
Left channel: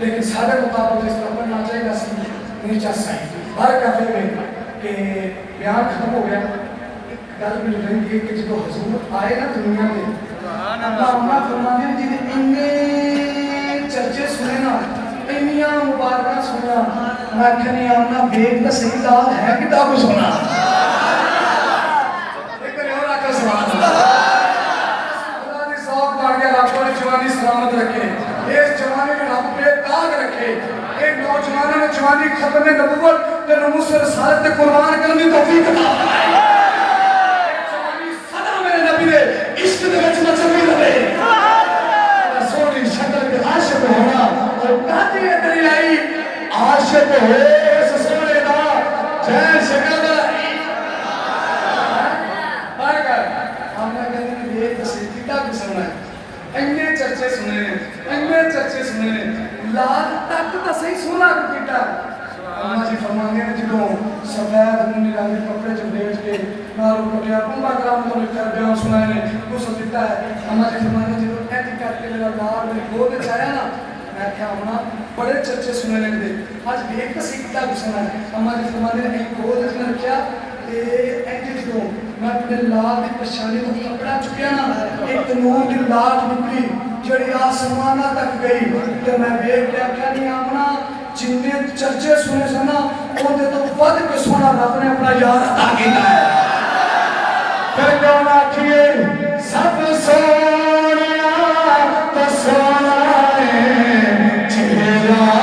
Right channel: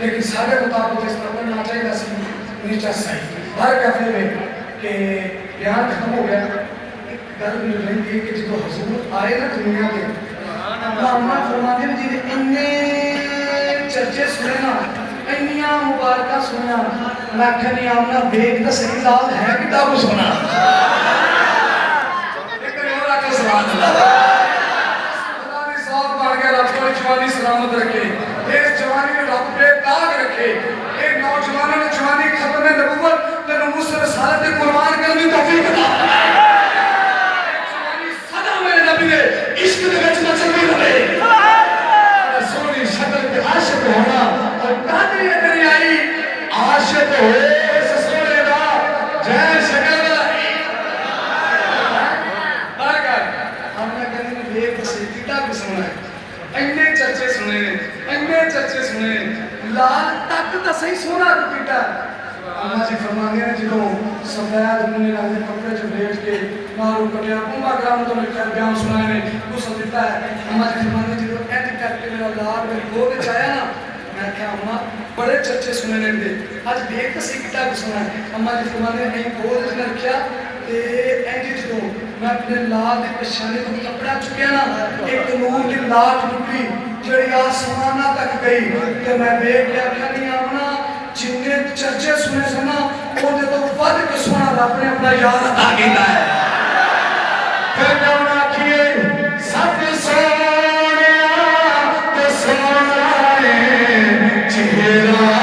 लेकिन सारे मुताबिक इस तरह पढ़ना चाहिए नहीं चल सही हर कहते हैं कि बयान खत्म हो गया एक गल मिल रही है कि जो हजूर आए ना दुनिया के अल्लाह अम्मा फरमाते हैं जी इन्ने चर्चे सुने ना इन्नियां मुबारक सुना मैं कहनी आमना बेग दा सही लाल है किताब सुना एक और आका सुभान अल्लाह खुदा दी सौख मार के रब को जवानी सलामत रखे इस जवानी में रब पे ताज रखे एक नौजवानों ने जवानी खत्म नबूवत ते नमूस रिसालत ते कुर्बान करने की तौफीक अता जवानी सदा मेरे नबी दे इश्क दे विच मचलदी रहे सोनी शक्ल ते आशिक होना और कादरी दरियाई आशिक होए इस सोने दा जय शक्ल दा बागा हमने कभी देख सी किता को सुना है इन्ने चर्चे सुने ने इन्ने चर्चे सुने ने लाल तक तो सही सोना पीटा अम्मा जी फरमाते हैं जो सफेद मुन्ने रंग के कपड़े च लेट के नारू कटिया उम्मा ग्राम तो लिखकर बयान सुनाए ने उस दिता है अम्मा जी फरमाते हैं जो एंड करके मेरा लाल मेरे गोद में आया ना मैं क्या होना बड़े चर्चे सुने ने दे आज देख तो सही किता सुना है अम्मा जी फरमाते हैं गोद में रखा एंड जो मैं अपने लाल की पछाने को कपड़ा चुकिया ना एक नूर की लाल टुकड़ी जड़ी आसमान तक गई तो मैं देख के आख्या नहीं अपना जिन्ने चर्चे सुने सुना ओदे तो वध के सोना रब ने अपना याद अता कीता है फिर क्यों ना किए सब सोनिया तो सोना है चेहरा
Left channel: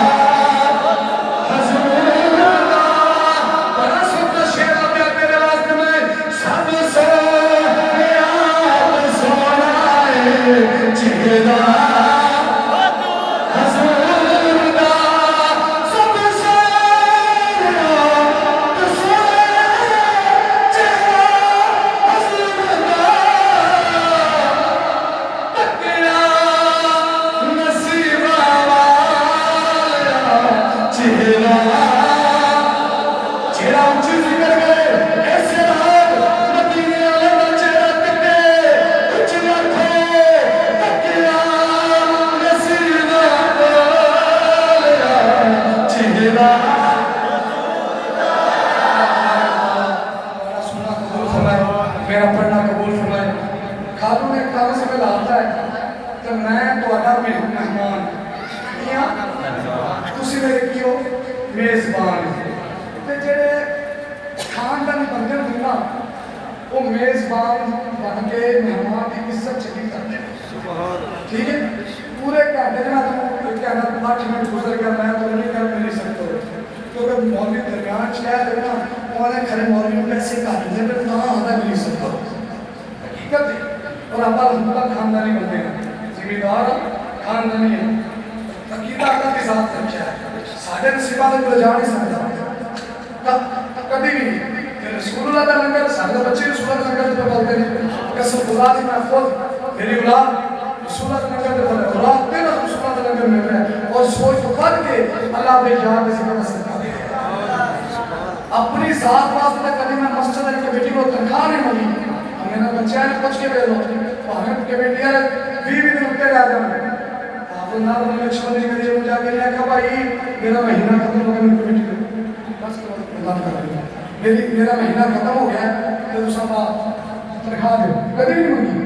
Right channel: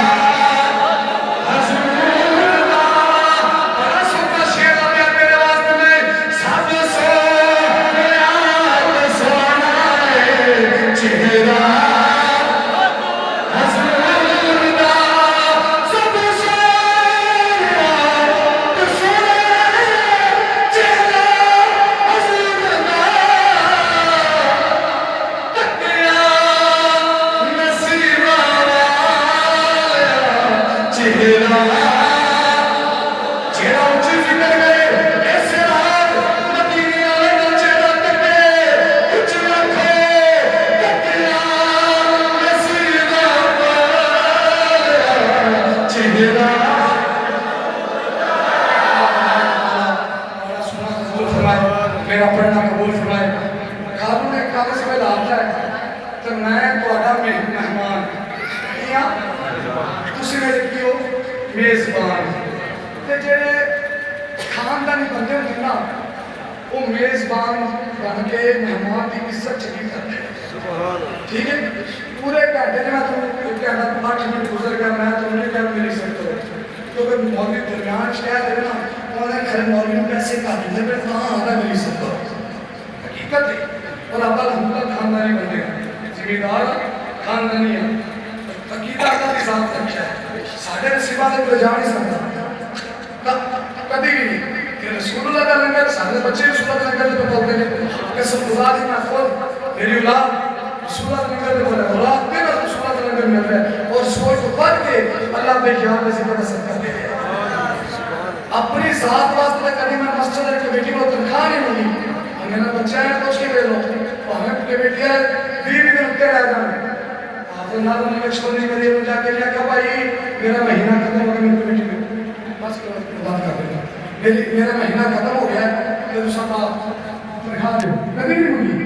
ਜਿਹੜੇ ਕੀ ਉਹ ਮੇਜ਼ਬਾਨ ਤੇ ਜਿਹੜੇ ਖਾਨਦਾਨੀ ਬੰਦੇ ਹੁੰਦੇ ਨਾ ਉਹ ਮੇਜ਼ਬਾਨ ਬਣ ਕੇ ਮਹਿਮਾਨ ਦੀ ਇੱਜ਼ਤ ਚੰਗੀ ਕਰਦੇ ਨੇ ठीक है पूरे घंटे में तो कहना 8 मिनट गुजर गया मैं तो नहीं कह मिल सकता क्योंकि मौलवी दरमियान शहर है ना उन्होंने खड़े मौलवी में पैसे काट दिए फिर ना आना मिल सकता हकीकत है और आप खानदानी बंदे हैं जिम्मेदार खानदानी है हकीकत अल्लाह के साथ रखा है साढ़े नसीबा तक कोई जा नहीं सकता कभी भी रसूलुल्लाह का लंगर सारे बच्चे रसूलुल्लाह का लंगर पे बोलते हैं कसम खुदा की मैं खुद मेरी औलाद रसूलुल्लाह का लंगर पे बोलते हैं औलाद मेरा रसूलुल्लाह का लंगर में है और सोच को पढ़ के अल्लाह पे ख्याल में जिक्र कर सकता है अपनी साथ वास्ते कभी मैं मस्जिद की बेटी को तनख्वाह नहीं मिली हमें बच्चा है पूछ के ले लो हमें के बेटी है 20 दिन रुक के रह जाए आप ना तो मैं छोड़ने के लिए जाके क्या कहा भाई मेरा महीना खत्म हो गया बेटी बस बात कर मेरा महीना खत्म हो गया तो दूसरा तनख्वाह दो कभी नहीं होगी